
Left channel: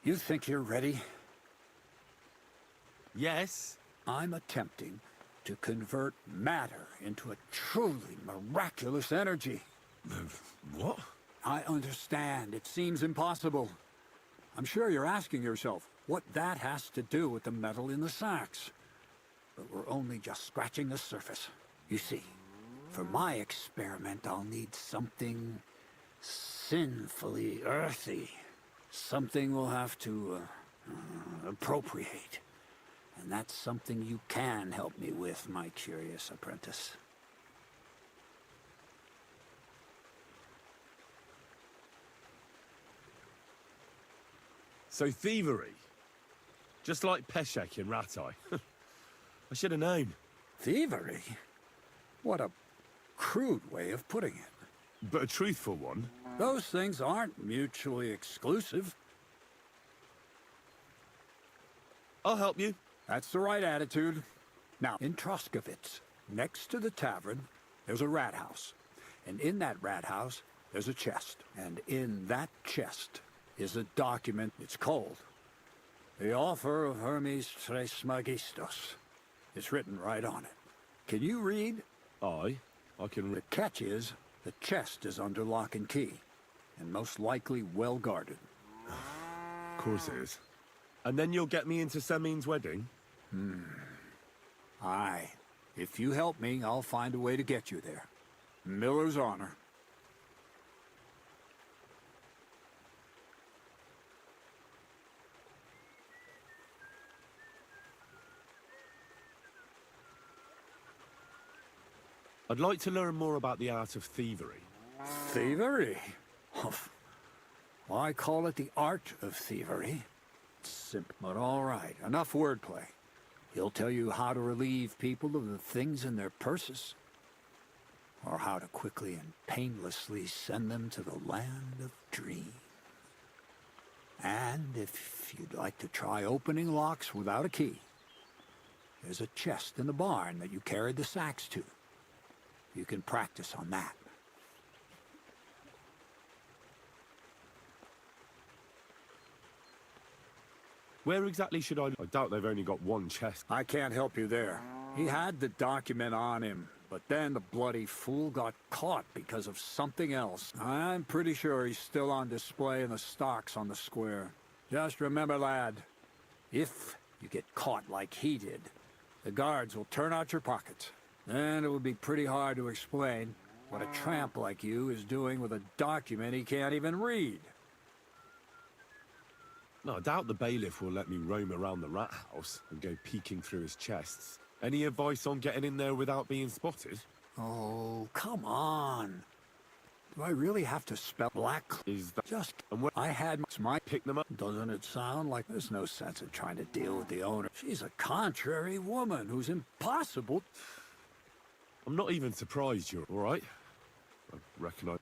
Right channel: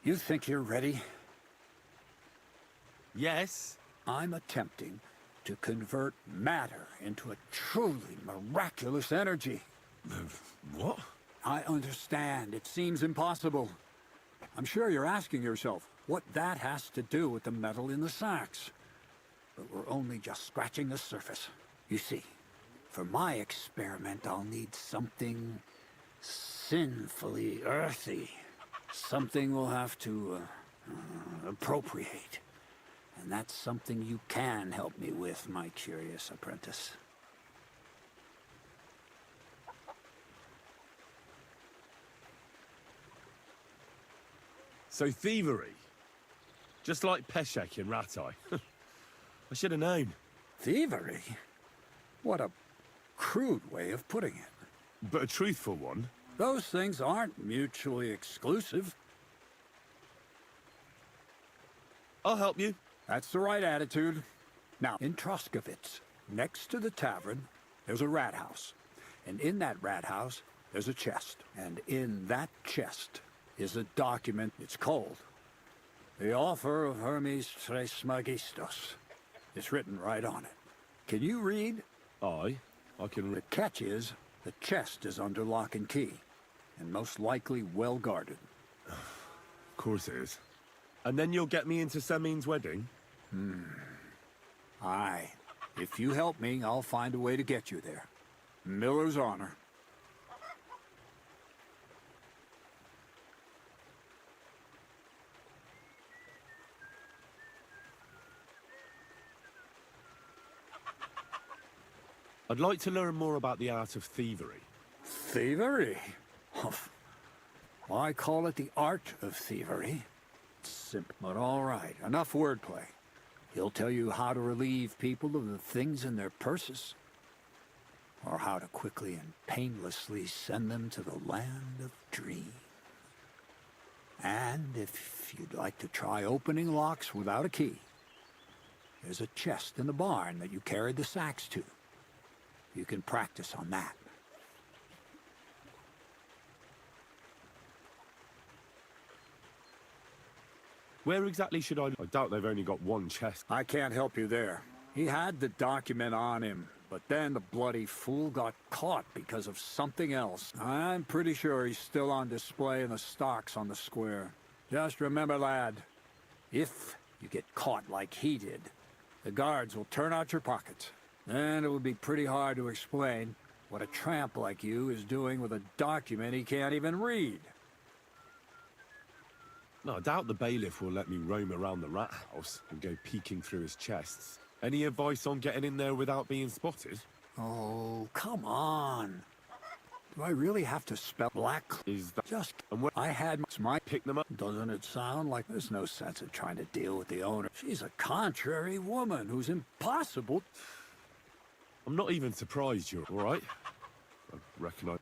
You think you're ready? Yes. I'm attempting to convert matter into a truly miraculous energy. What? I understand. It seems impossible. I'm sure you're asking yourself what that has to do with the metal in the sacks. But we're only just scratching the surface. You see, for my experiment, I'll need something sinfully earthy. Something we'll have to appropriate. And that's something you can help me with, my curious apprentice. So thievery. Just like Peshek in Ratai. I should have known. Thievery? What a crude way of putting it. But a truthful one. Those things aren't mutually exclusive. I'll help you. That's the right attitude. Now, in Troskovitz, next to the tavern, there's a rat house. And in that rat house, there's a chest. And in that chest is a document. It's called The Offer of Hermes Trismegistos. It's written right on it. Can you read? I can The catch is, the chest is under lock and key, and most likely well guarded. Of course it is. And then you'll get me into Semin's wedding? Aye. If you help me, I'll find a way to get you there. Miller's honor. I'd like to learn more about the art of thievery. Thievery? Well, I call it the art of thievery. It's simple, but all right. Enough wordplay. He'll tell you how to relieve people of the things in their purses, or how to quickly and painlessly send them to the land of dreams. And if you'd like to try opening locks without a key, there's a chest in the barn that you carried the sacks to. You can practice on that. Where exactly should I... I doubt they've only got one chest. I can't help you there. He had the document on him, but then the bloody fool got caught because of something else. I'm pretty sure he's still on display in the stocks on the square. Just remember, lad, if you get caught like he did, the guards will turn out your pockets. And it would be pretty hard to explain what a tramp like you is doing with a document he can't even read. No, I doubt the bailiff will let me roam around the rat house and go peeking through his chests. Any advice on getting in there without being spotted? Oh, come on. Do I really have to spell black? Is that... Just... And what... I had my... Pick them up? Doesn't it sound like there's no sense in trying to deal with the owner? She's a contrary woman who's impossible. I'm not even surprised you're all right. I reckon I...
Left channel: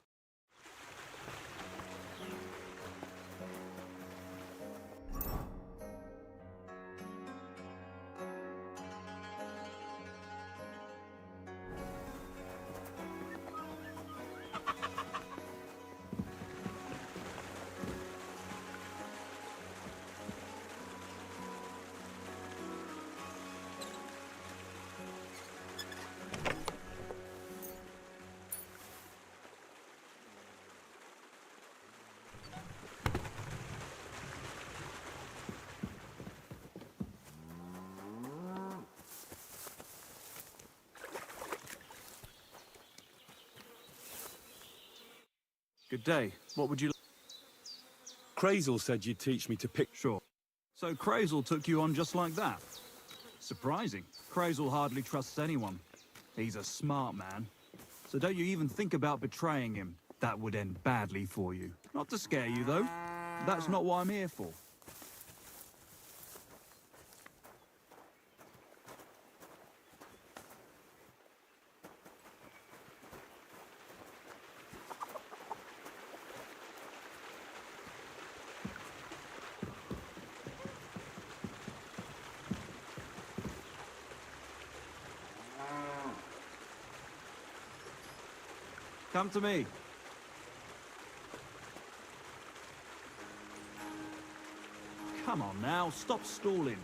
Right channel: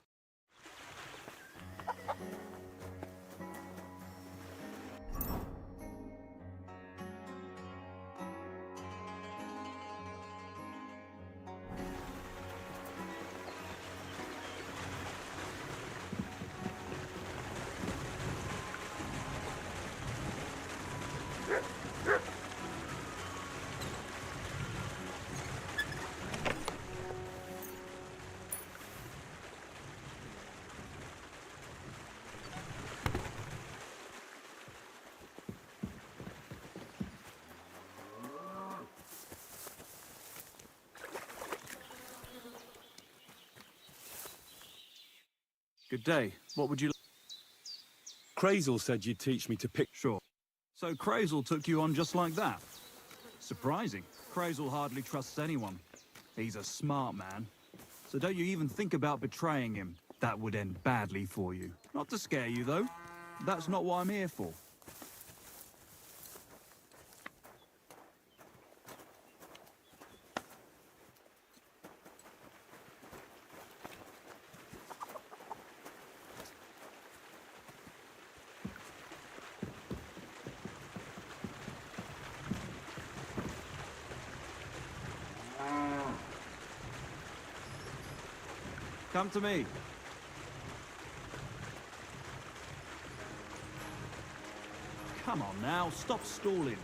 Good day. What would you... Crazel said you'd teach me to pick... Sure. So Crazel took you on just like that? Surprising. Crazel hardly trusts anyone. He's a smart man. So don't you even think about betraying him. That would end badly for you. Not to scare you, though. That's not what I'm here for. Come to me. Come on now, stop stalling.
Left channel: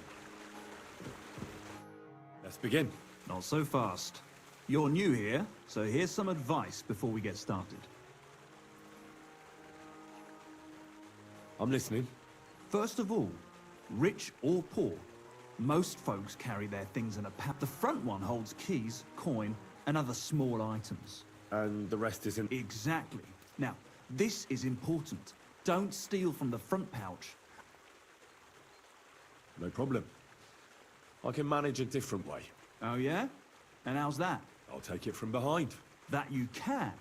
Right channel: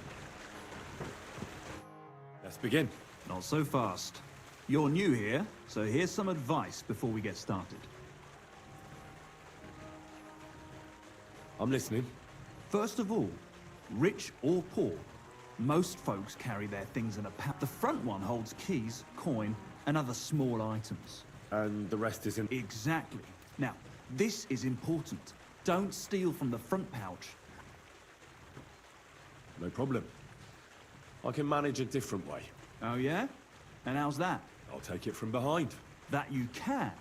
Let's begin. Not so fast. You're new here, so here's some advice before we get started. I'm listening. First of all, rich or poor, most folks carry their things in a pouch. The front one holds keys, coin, and other small items. And the rest is in... Exactly. Now, this is important. Don't steal from the front pouch. No problem. I can manage a different way. Oh yeah? And how's that? I'll take it from behind. That you can.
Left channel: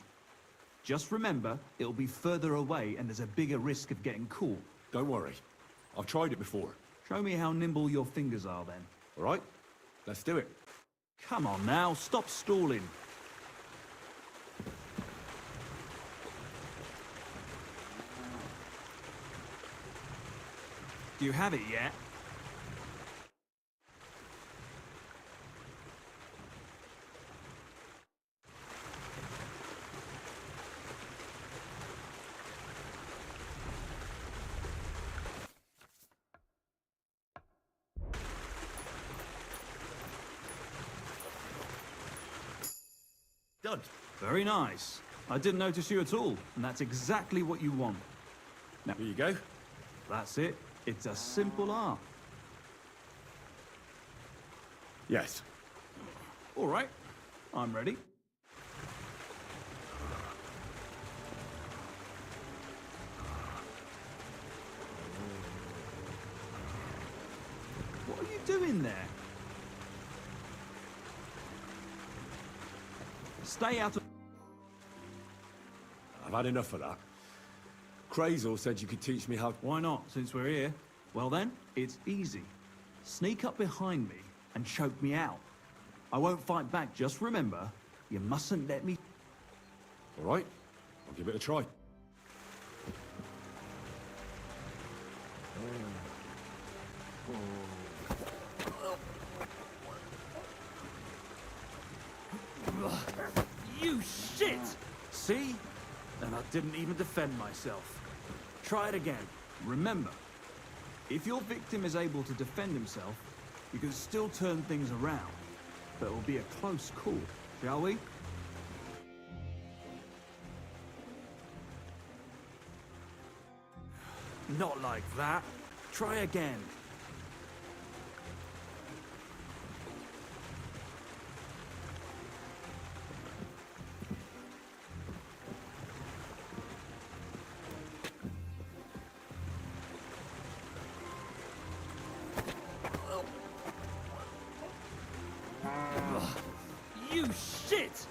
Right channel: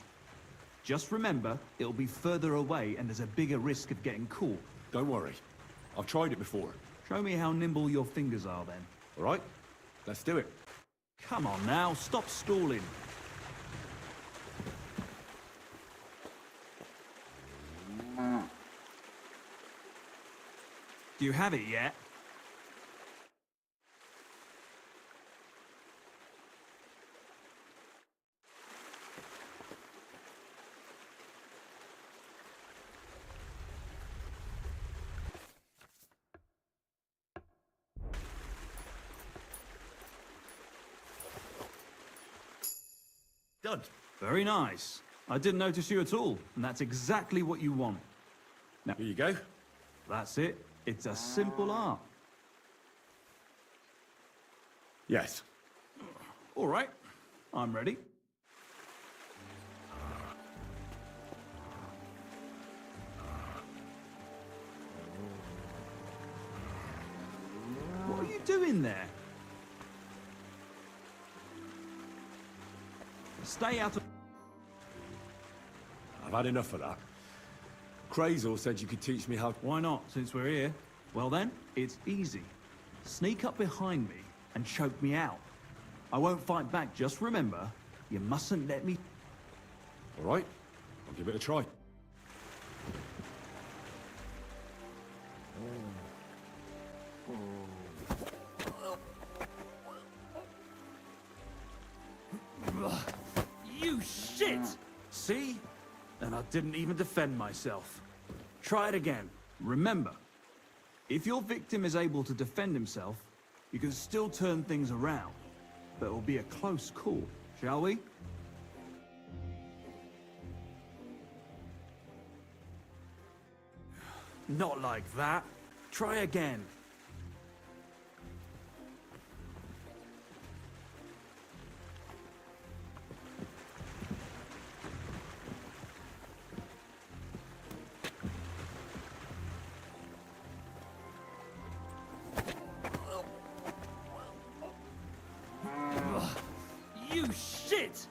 Just remember, it'll be further away and there's a bigger risk of getting caught. Don't worry. I've tried it before. Show me how nimble your fingers are then. All right? Let's do it. Come on now, stop stalling. Do you have it yet? Done. Very nice. I didn't notice you at all, and that's exactly what you want. Here you go. That's it. It's a simple art. Yes. All right. I'm ready. What are you doing there? Stay out of... I've had enough of that. Crazel said you could teach me how... Why not, since we're here? Well then, it's easy. Sneak up behind me and choke me out. I won't fight back, just remember, you mustn't let me... All right. I'll give it a try. You shit! See? And I didn't even defend myself. Try it again. Remember, If your victim is able to defend himself, you can still turn things around. But it will be a close call, shall we? Not like that. Try again. You shit!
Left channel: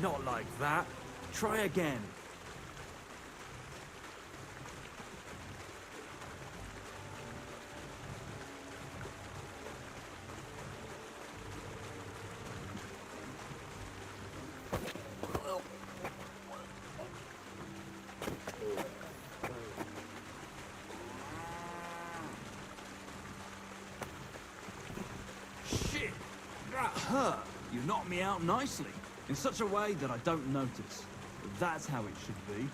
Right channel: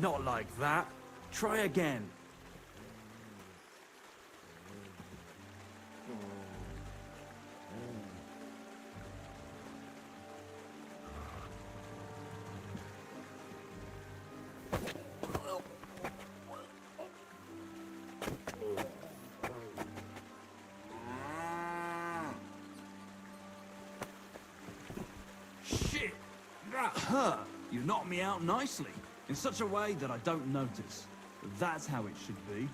Not like that. Try again. Shit! That hurt! You knocked me out nicely, in such a way that I don't notice. But that's how it should be.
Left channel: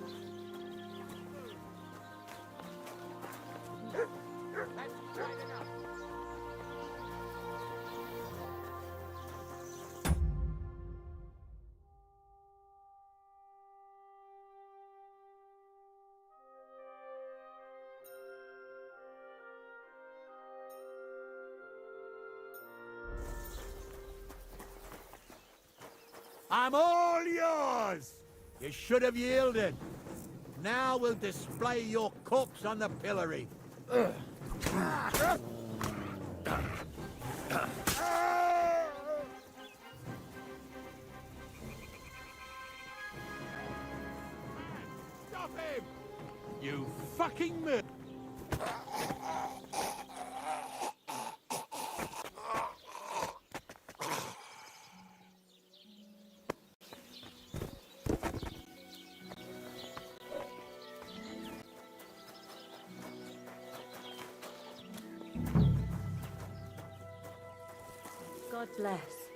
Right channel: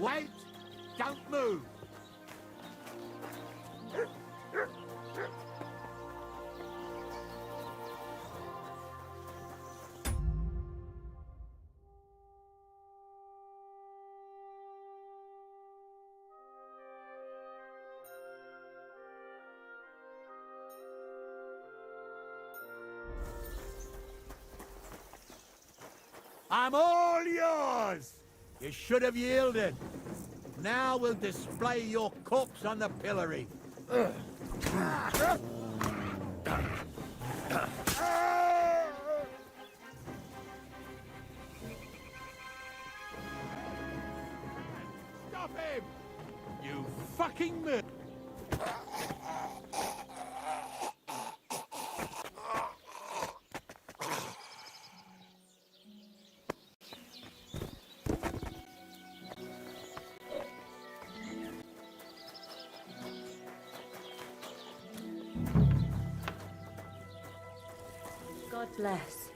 Wait! Don't move! I'm all yours! You should have yielded. Now we'll display your corpse on the pillory. Stop him! You fucking murderer! God bless.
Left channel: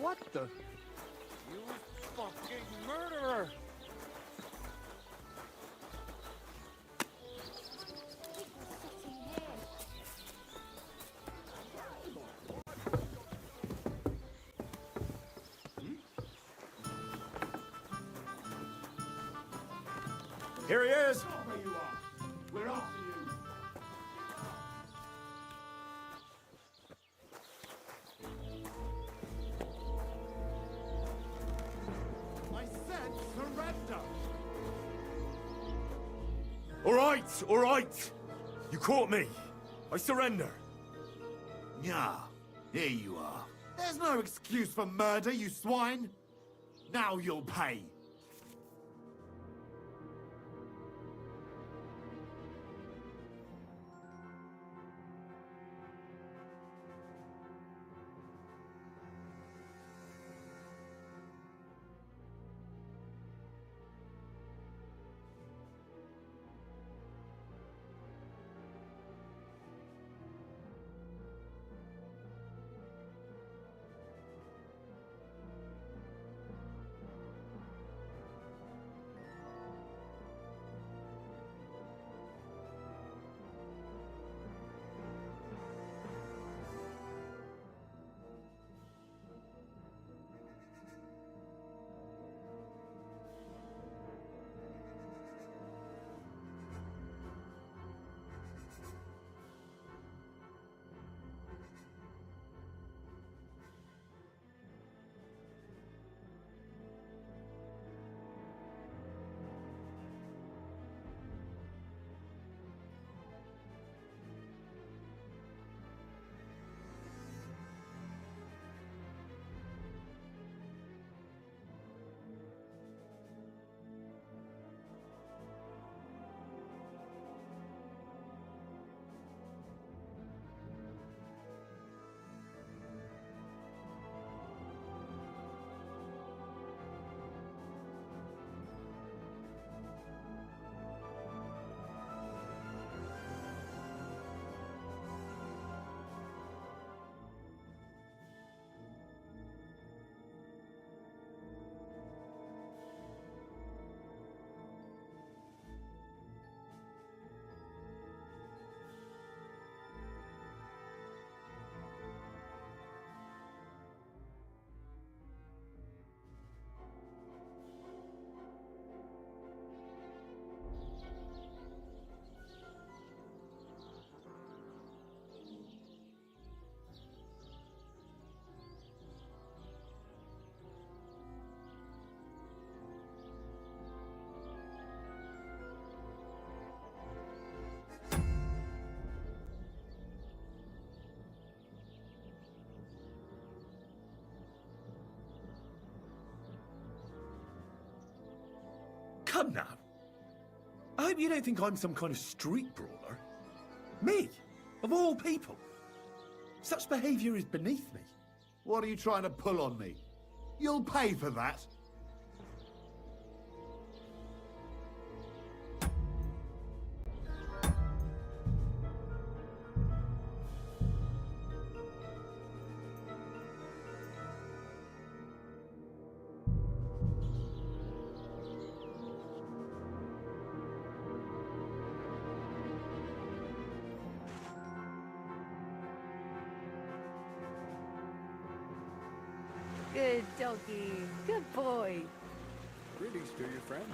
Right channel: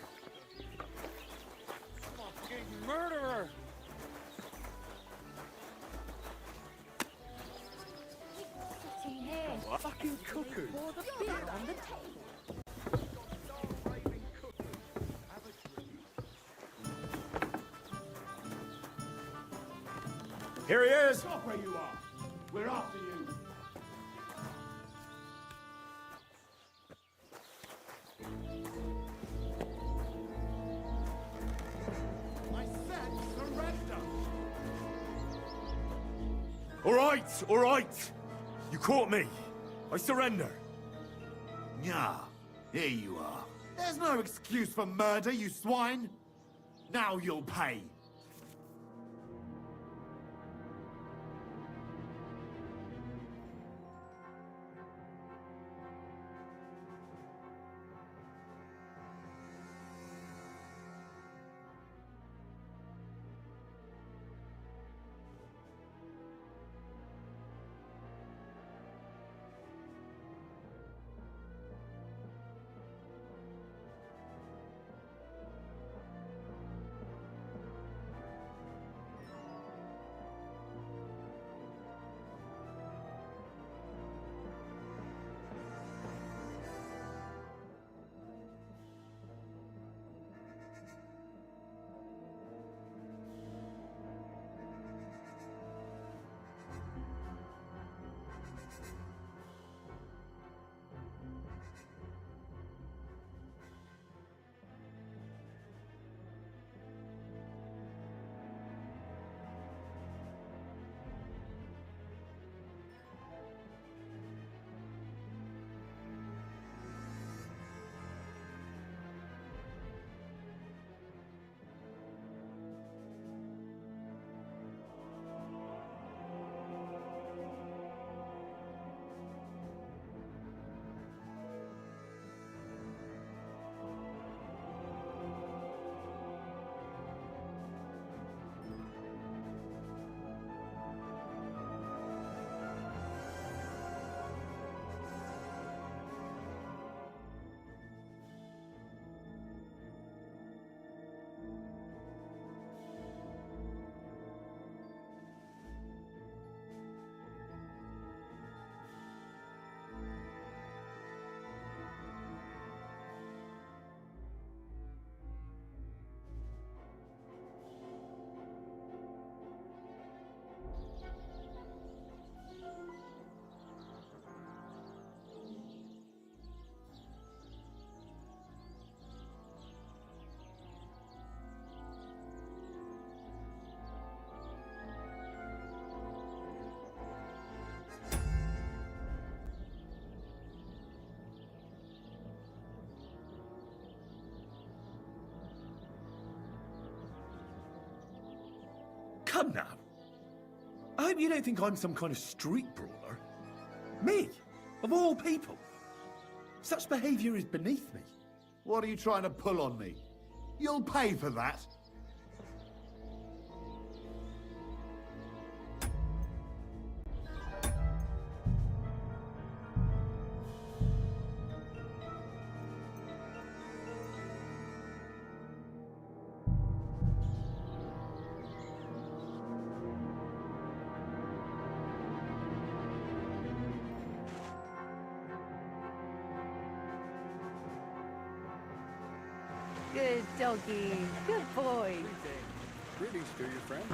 What the? Fucking murderer! Sitting here. Fucking cuckoo! Pour the beer on the table. Here he is! Stop where you are. We're after you. I said surrender. All right! You caught me. I surrender. Yeah, here you are. There's no excuse for murder, you swine. Now you'll pay. Come now. I hope you don't think I'm some kind of street brawler. Me, of all people. Such behaviour is beneath me. What are you trying to pull on me? You'll pay for that. Good doggy. Good boy. Greetings to you, friend.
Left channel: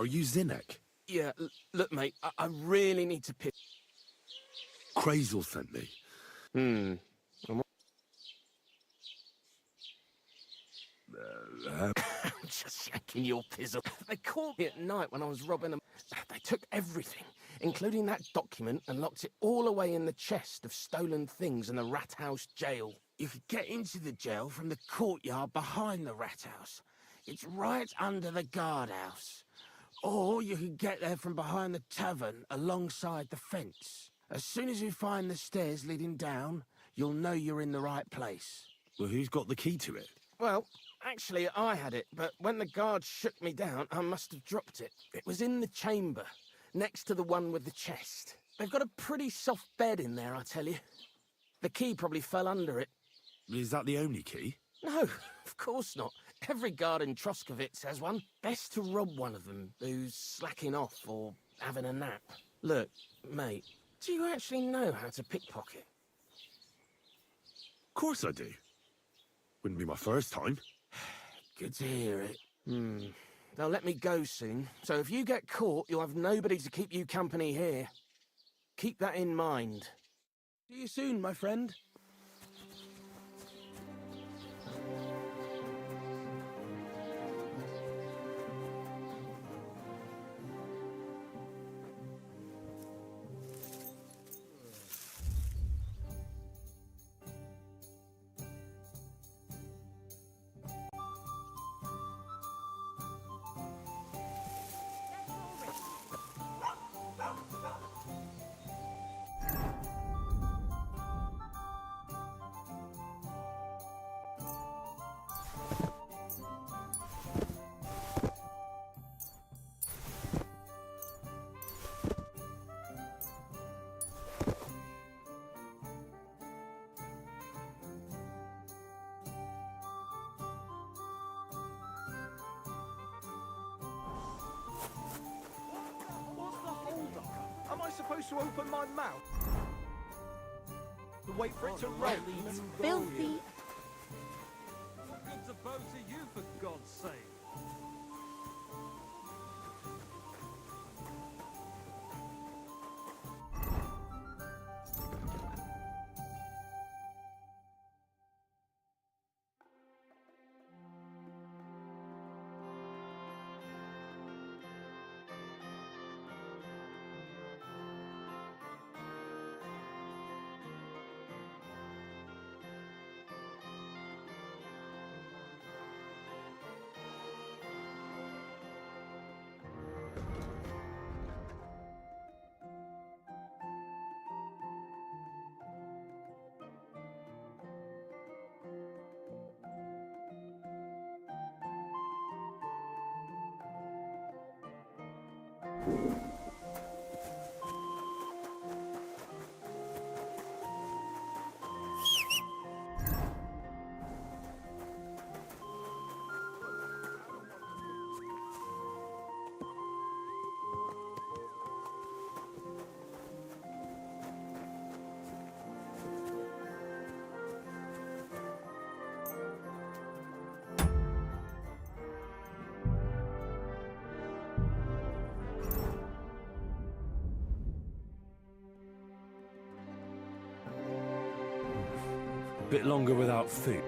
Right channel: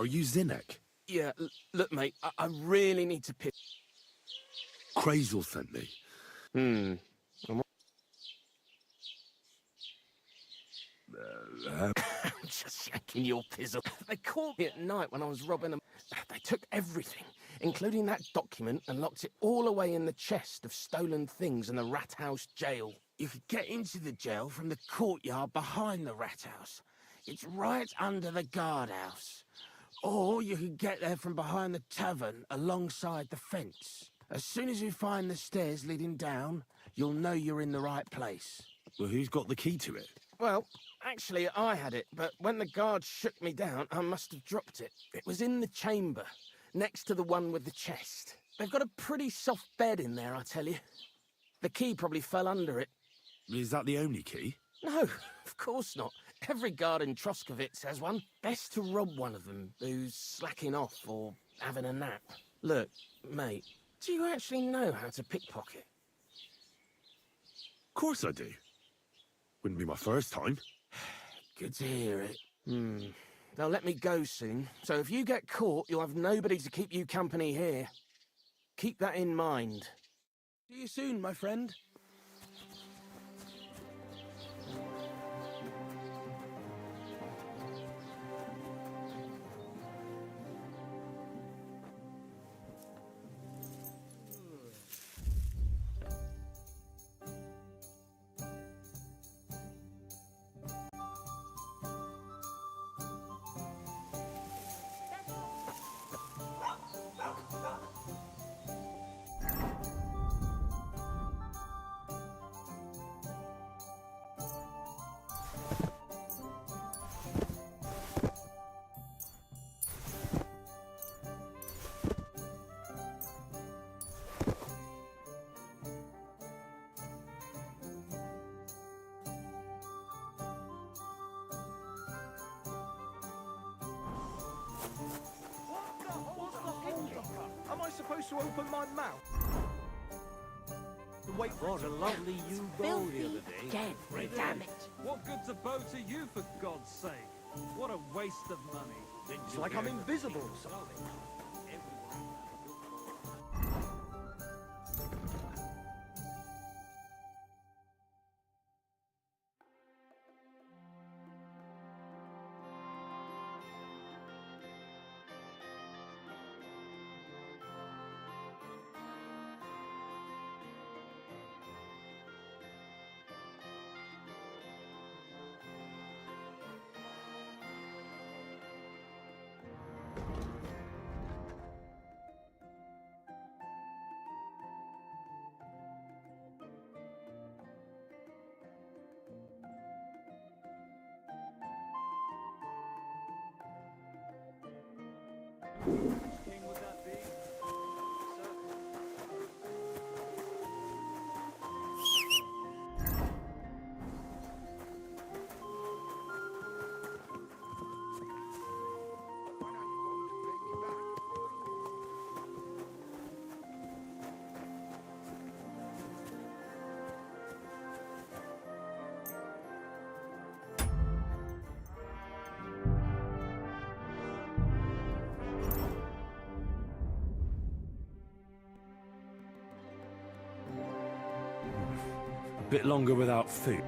Are you Zinnek? Yeah, look, mate, I really need to piss. Crazel sent me. I'm just shaking your pizzle. They caught me at night when I was robbing them. They took everything, including that document, and locked it all away in the chest of stolen things in the Rat House jail. You could get into the jail from the courtyard behind the Rat House. It's right under the guardhouse. Or you could get there from behind the tavern alongside the fence. As soon as you find the stairs leading down, you'll know you're in the right place. Well, who's got the key to it? Well, actually, I had it, but when the guard shook me down, I must have dropped it. It was in the chamber, next to the one with the chest. They've got a pretty soft bed in there, I tell you. The key probably fell under it. Is that the only key? No, of course not. Every guard in Troskovitz has one. Best to rob one of them who's slacking off or having a nap. Look, mate, do you actually know how to pickpocket? Of course I do. Wouldn't be my first time. Good to hear it. They'll let me go soon, so if you get caught, you'll have nobody to keep you company here. Keep that in mind. See you soon, my friend. Am I supposed to open my mouth? To wait for it to roll? Filthy dead, damn it. What good's a bow to you, for God's sake? What a waste of money. It's like I'm invisible or something. A bit longer without food.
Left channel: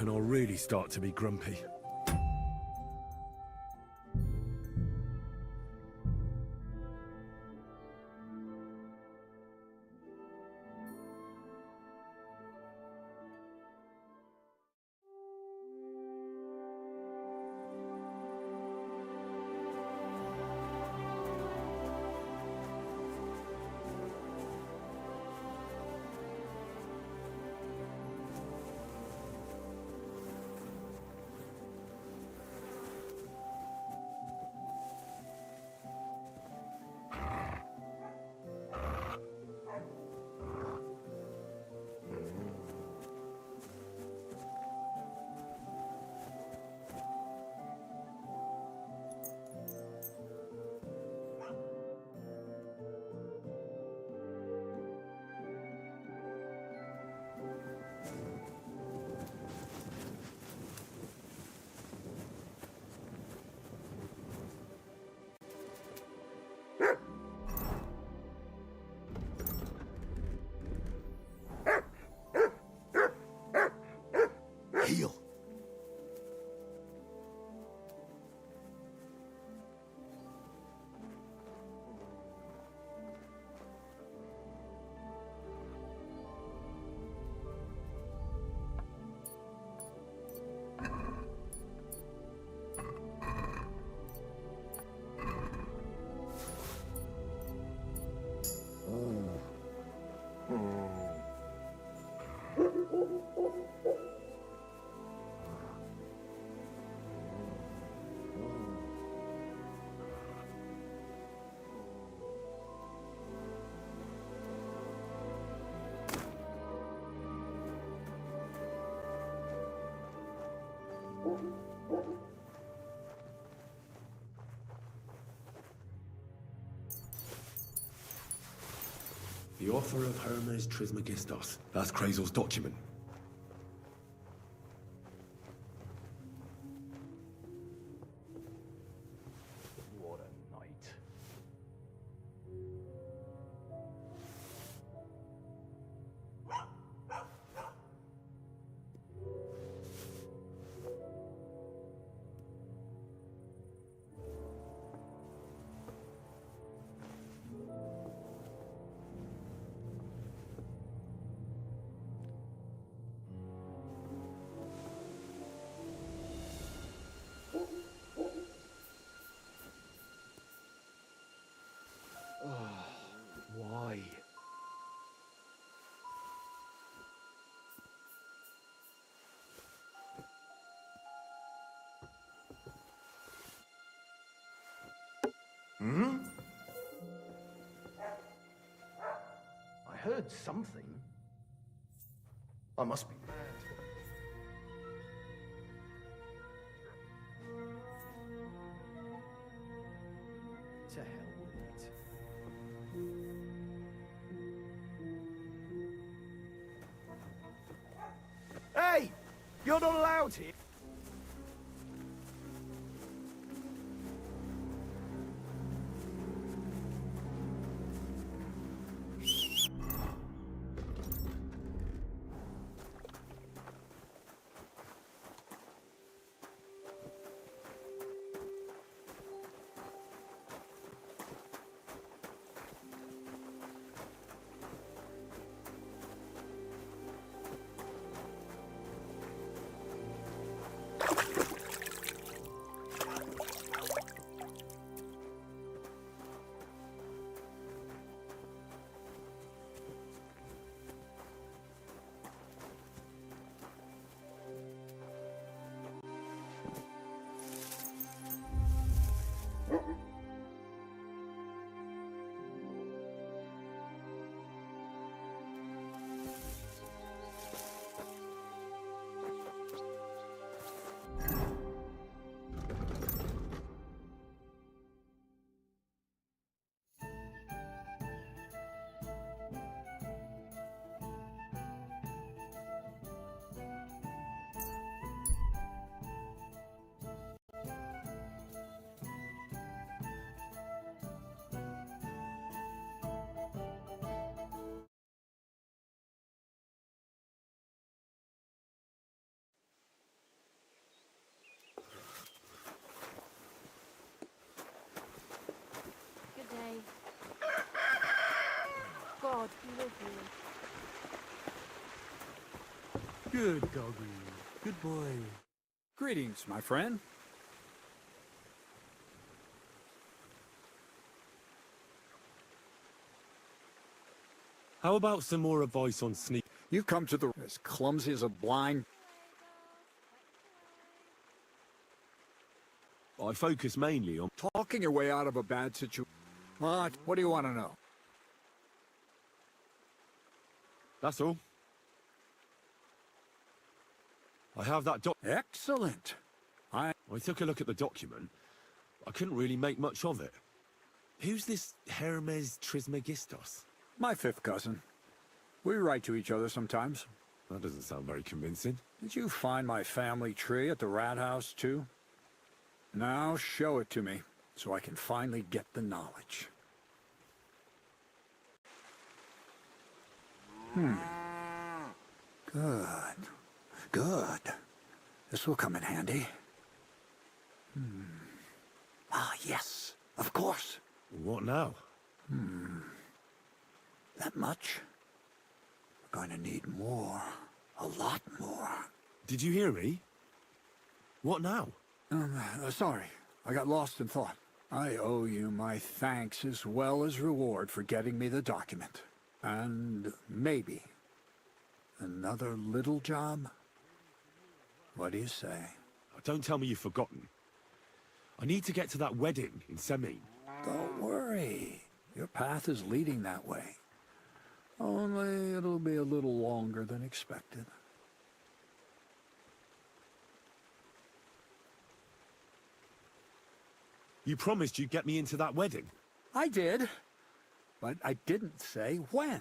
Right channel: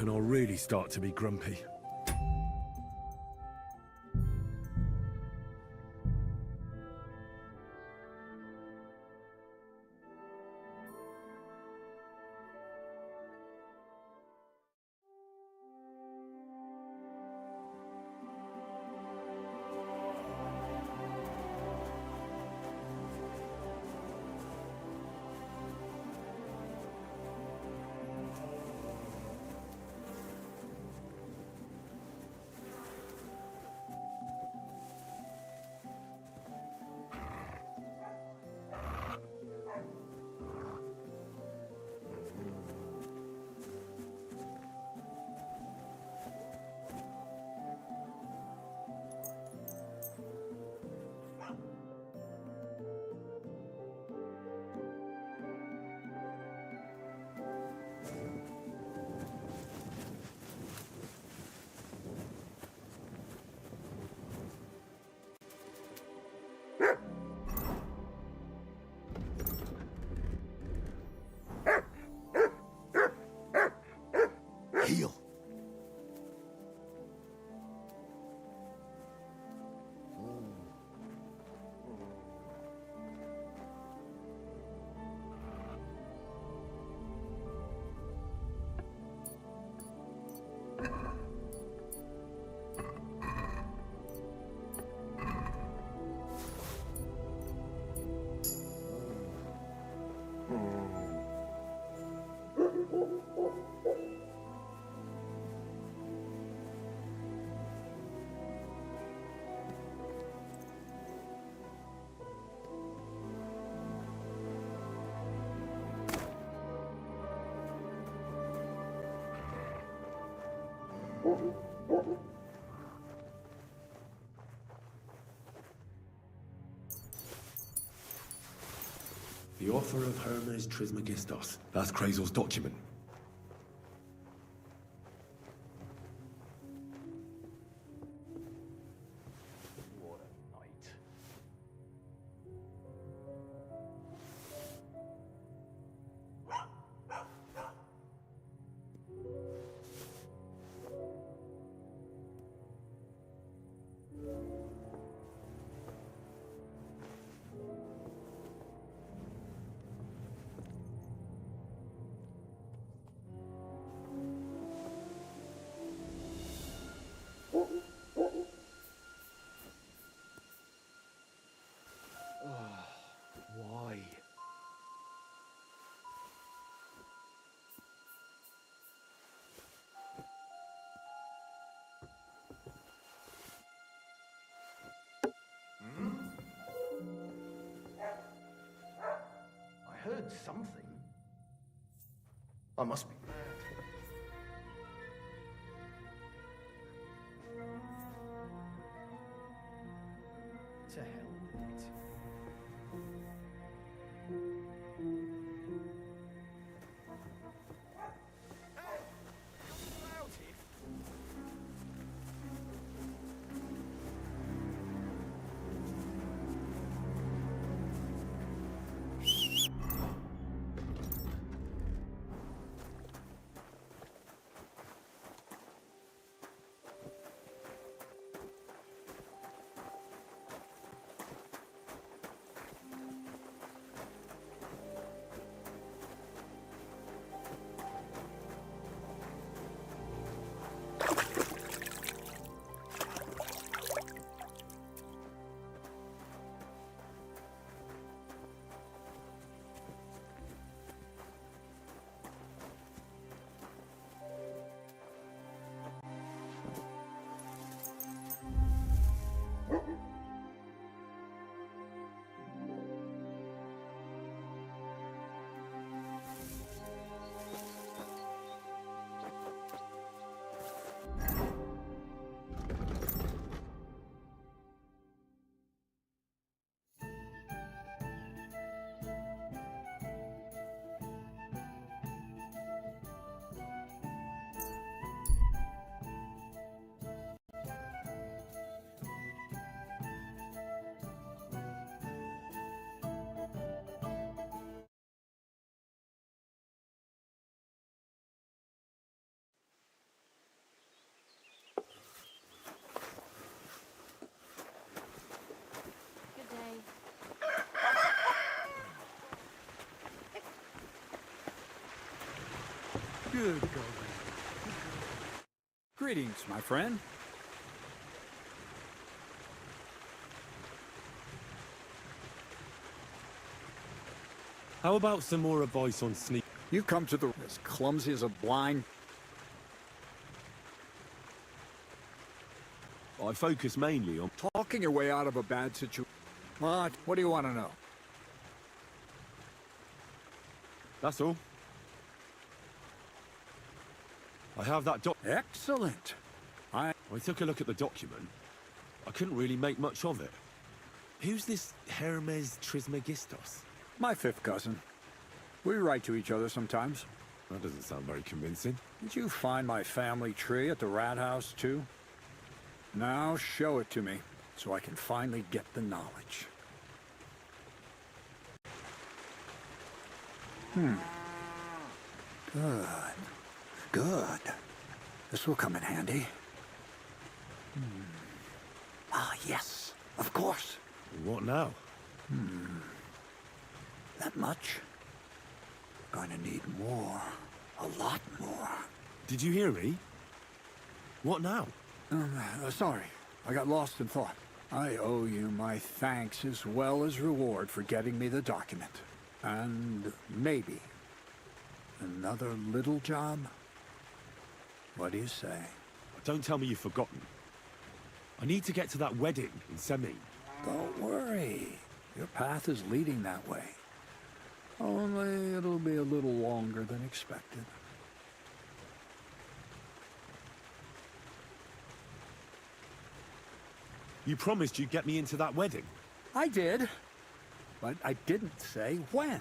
And I'll really start to be grumpy. The author of Hermes Trismegistos. That's Krazel's document. What a night. Why? I heard something. I must be mad. To hell with it. Hey! You're not allowed here! Good day. God, Good doggy. Good boy. Greetings, my friend. How about some more advice on sneak? You've come to the as clumsy as a blind. I focus mainly on... Talking your way out of a bad situation. What? What do you want to know? That's all. I have that Excellent. I took a look at the document. I couldn't really make much of it. Who's this Hermes Trismegistos? My fifth cousin. We write to each other sometimes. That doesn't sound very convincing. Did you find my family tree at the rat house, too? Now show it to me, so I can finally get the knowledge. Good. Good. This will come in handy. Ah, yes. Of course. What now? That much? Going to need more. A lot more. Did you hear me? What now? Sorry. I got lost in thought. I owe you my thanks as well as reward for getting me the document. And maybe another little job? What do you say? Don't tell me you've forgotten. I need to get to that wedding in Semin. Don't worry. Your path is leading that way. Only it'll be a little longer than expected. You promised you'd get me into that wedding. I did, but I didn't say when.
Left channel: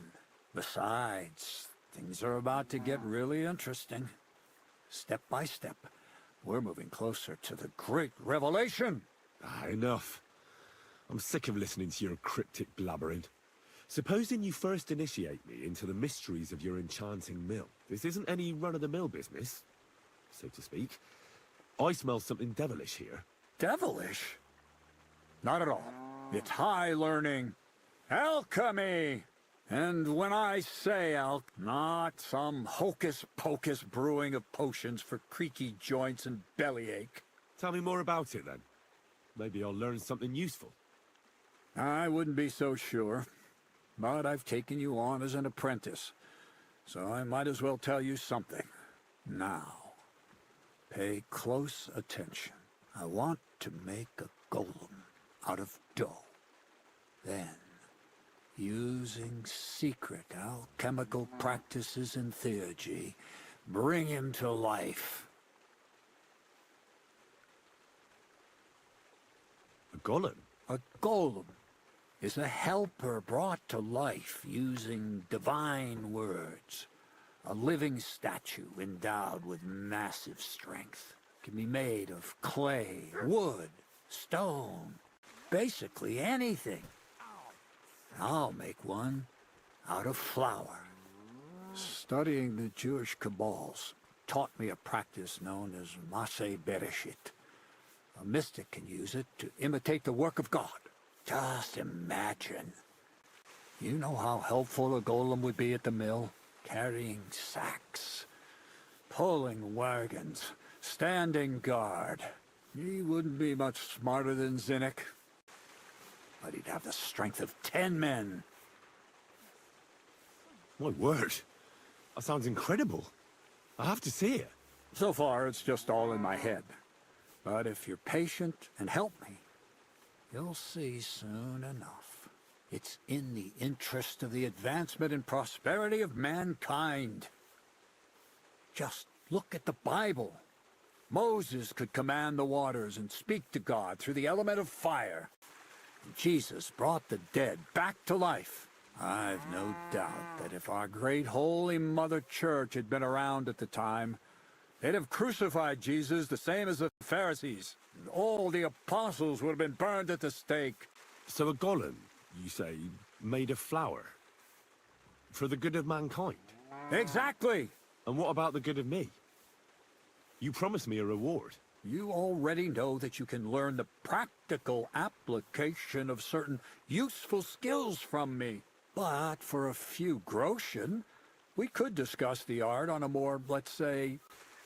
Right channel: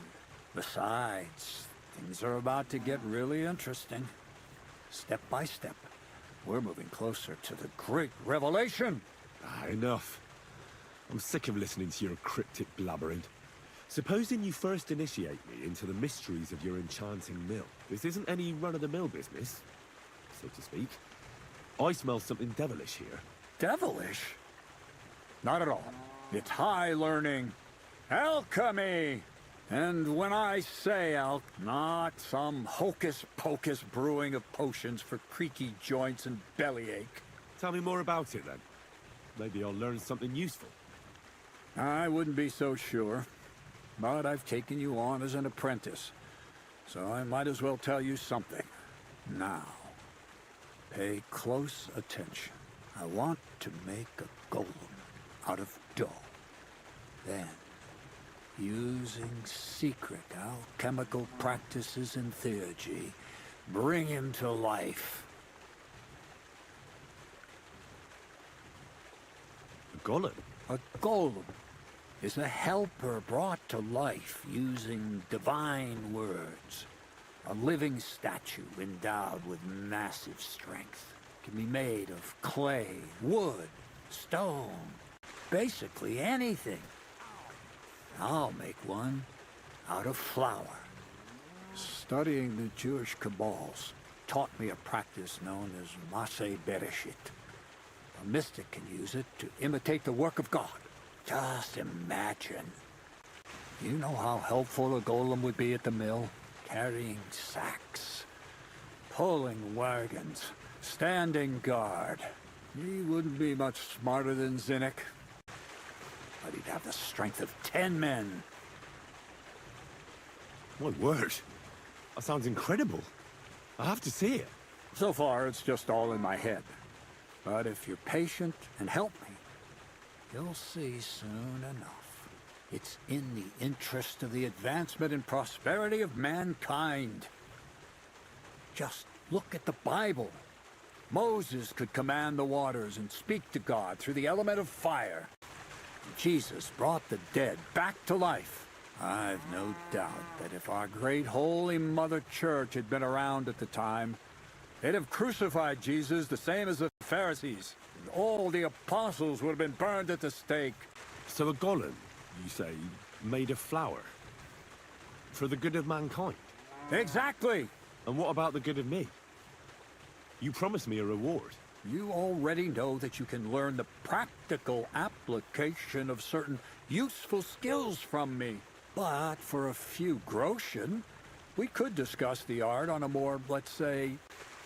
Besides, things are about to get really interesting. Step by step, we're moving closer to the great revelation. Enough. I'm sick of listening to your cryptic blabbering. Supposing you first initiate me into the mysteries of your enchanting mill. This isn't any run-of-the-mill business, so to speak. I smell something devilish here. Devilish? Not at all. It's high learning. Alchemy! And when I say not some hocus-pocus brewing of potions for creaky joints and bellyache. Tell me more about it, then. Maybe I'll learn something useful. I wouldn't be so sure. But I've taken you on as an apprentice, so I might as well tell you something. Now, pay close attention. I want to make a golem out of dough. Then, using secret alchemical practices and theurgy, bring him to life. A golem? A golem is a helper brought to life using divine words. A living statue endowed with massive strength. Can be made of clay, wood, stone, basically anything. I'll make one out of flour. Studying the Jewish Kabbals taught me a practice known as Maseh Bereshit. A mystic can use it to imitate the work of God. Just imagine. You know how helpful a golem would be at the mill? Carrying sacks, pulling wagons, standing guard. He wouldn't be much smarter than Zinnik, but he'd have the strength of 10 men. My word. That sounds incredible. I have to see it. So far, it's just all in my head. But if you're patient and help me, you'll see soon enough. It's in the interest of the advancement and prosperity of mankind. Just look at the Bible. Moses could command the waters and speak to God through the element of fire. Jesus brought the dead back to life. I've no doubt that if our great Holy Mother Church had been around at the time, they'd have crucified Jesus the same as the Pharisees. All the apostles would have been burned at the stake. So a golem, you say, made of flour? For the good of mankind? Exactly! And what about the good of me? You promised me a reward. You already know that you can learn the practical application of certain useful skills from me. But for a few groschen, we could discuss the art on a more, let's say,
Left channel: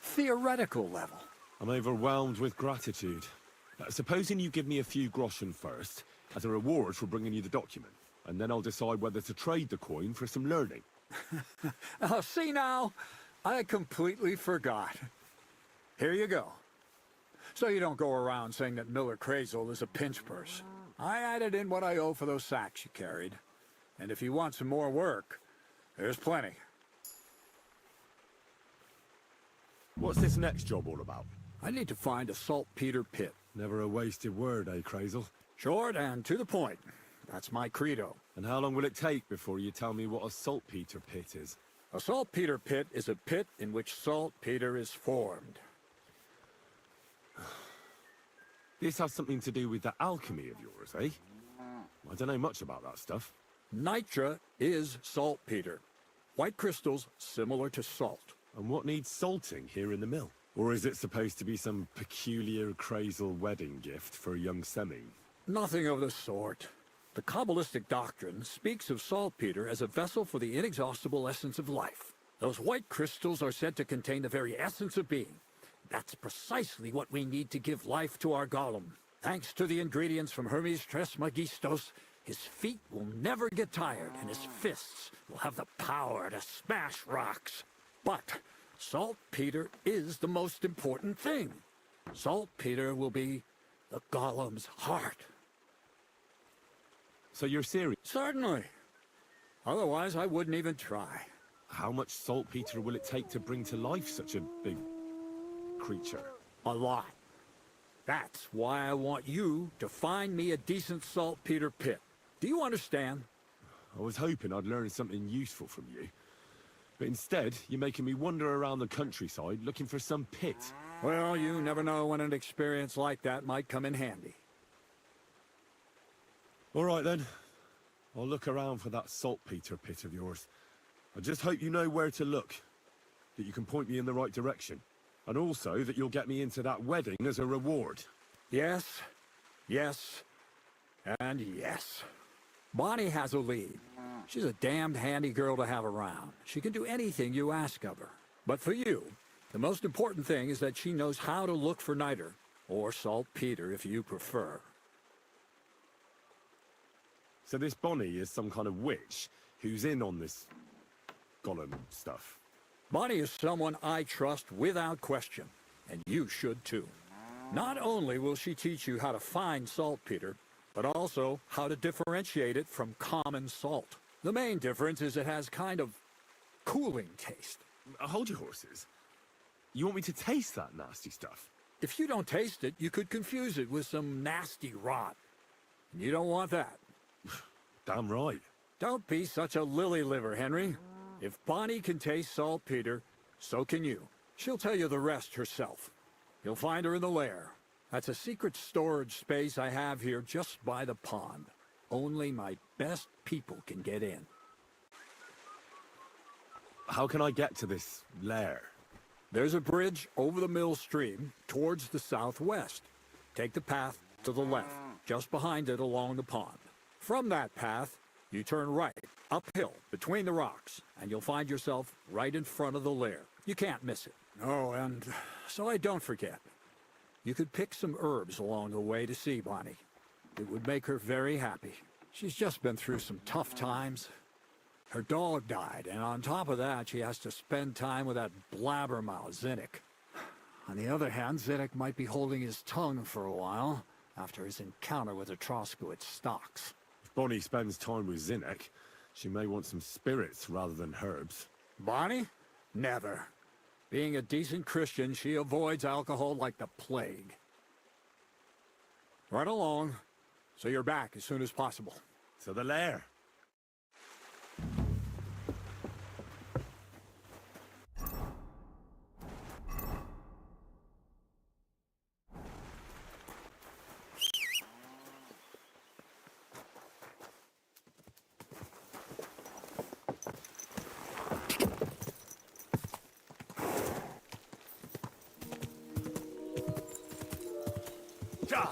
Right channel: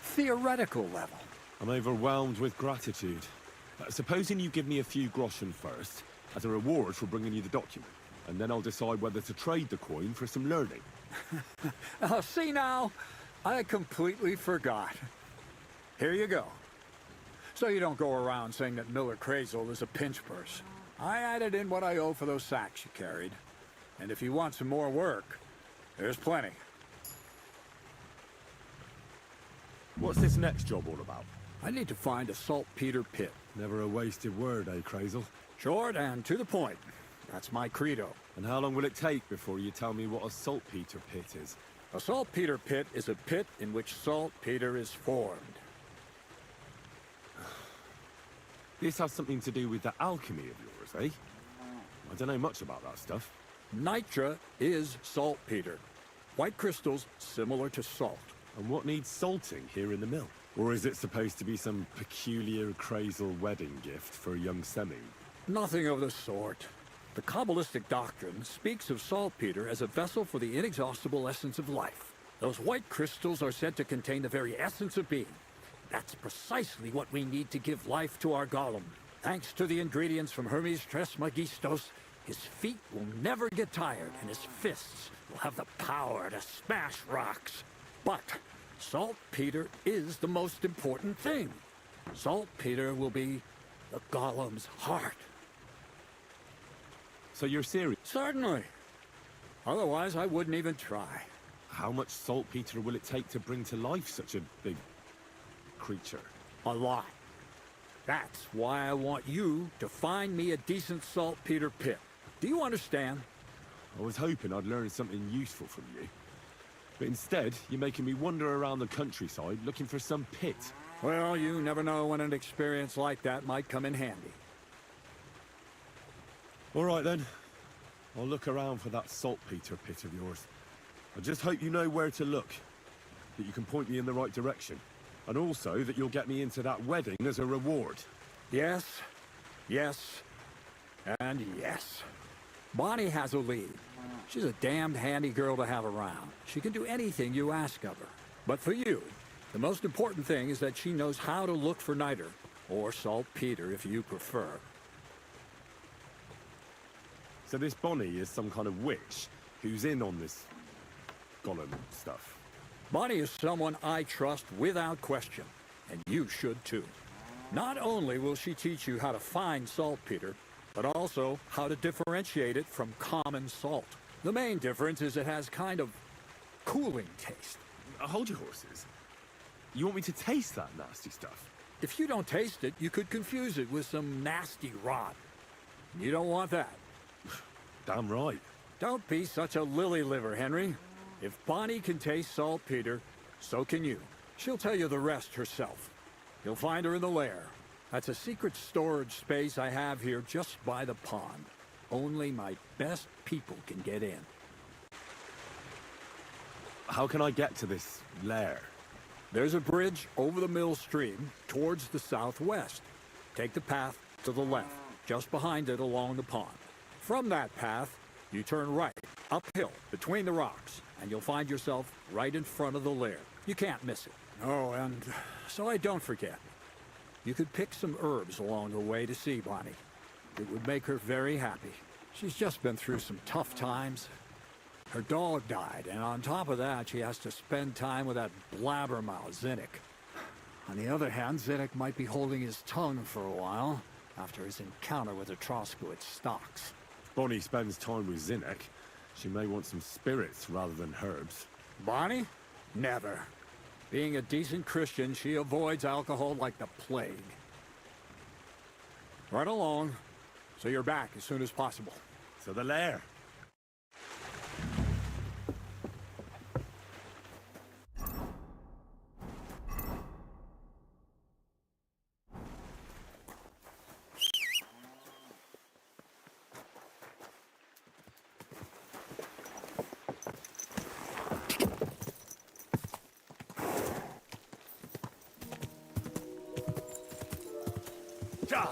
theoretical level. I'm overwhelmed with gratitude. Supposing you give me a few groschen first, as a reward for bringing you the document, and then I'll decide whether to trade the coin for some learning. Oh, see now? I completely forgot. Here you go. So you don't go around saying that Miller Crazel is a pinch purse. I added in what I owe for those sacks you carried. And if you want some more work, there's plenty. What's this next job all about? I need to find a saltpeter pit. Never a wasted word, eh, Crazel? Short and to the point. That's my credo. And how long will it take before you tell me what a saltpeter pit is? A saltpeter pit is a pit in which saltpeter is formed. This has something to do with the alchemy of yours, eh? I don't know much about that stuff. Nitra is saltpeter. White crystals similar to salt. And what needs salting here in the mill? Or is it supposed to be some peculiar Crazel wedding gift for a young semi? Nothing of the sort. The Kabbalistic doctrine speaks of saltpeter as a vessel for the inexhaustible essence of life. Those white crystals are said to contain the very essence of being. That's precisely what we need to give life to our golem. Thanks to the ingredients from Hermes Trismegistos, his feet will never get tired, and his fists will have the power to smash rocks. But saltpeter is the most important thing. Saltpeter will be the golem's heart. So you're serious? Certainly. Otherwise, I wouldn't even try. How much saltpeter will it take to bring to life such a big creature? A lot. That's why I want you to find me a decent saltpeter pit. Do you understand? I was hoping I'd learn something useful from you. But instead, you're making me wander around the countryside looking for some pit. Well, you never know when an experience like that might come in handy. All right, then. I'll look around for that saltpeter pit of yours. I just hope you know where to look, that you can point me in the right direction, and also that you'll get me into that wedding as a reward. Yes, yes, and yes. Bonnie has a lead. She's a damned handy girl to have around. She can do anything you ask of her. But for you, the most important thing is that she knows how to look for niter, or saltpeter if you prefer. So this Bonnie is some kind of witch who's in on this golem stuff. Bonnie is someone I trust without question, and you should too. Not only will she teach you how to find saltpeter, but also how to differentiate it from common salt. The main difference is it has kind of cooling taste. Hold your horses. You want me to taste that nasty stuff? If you don't taste it, you could confuse it with some nasty rot. You don't want that. Damn right. Don't be such a lily liver, Henry. If Bonnie can taste saltpeter, so can you. She'll tell you the rest herself. You'll find her in the lair. That's a secret storage space I have here just by the pond. Only my best people can get in. How can I get to this lair? There's a bridge over the mill stream towards the southwest. Take the path to the left, just behind it along the pond. From that path, you turn right, uphill, between the rocks, and you'll find yourself right in front of the lair. You can't miss it. Oh, and so I don't forget, you could pick some herbs along the way to see Bonnie. It would make her very happy. She's just been through some tough times. Her dog died, and on top of that, she has to spend time with that blabbermouth, Zinnik. On the other hand, Zinnik might be holding his tongue for a while after his encounter with the Troskowitz stocks. If Bonnie spends time with Zinnik, she may want some spirits rather than herbs. Bonnie? Never. Being a decent Christian, she avoids alcohol like the plague. Right along, so you're back as soon as possible. So the lair. God.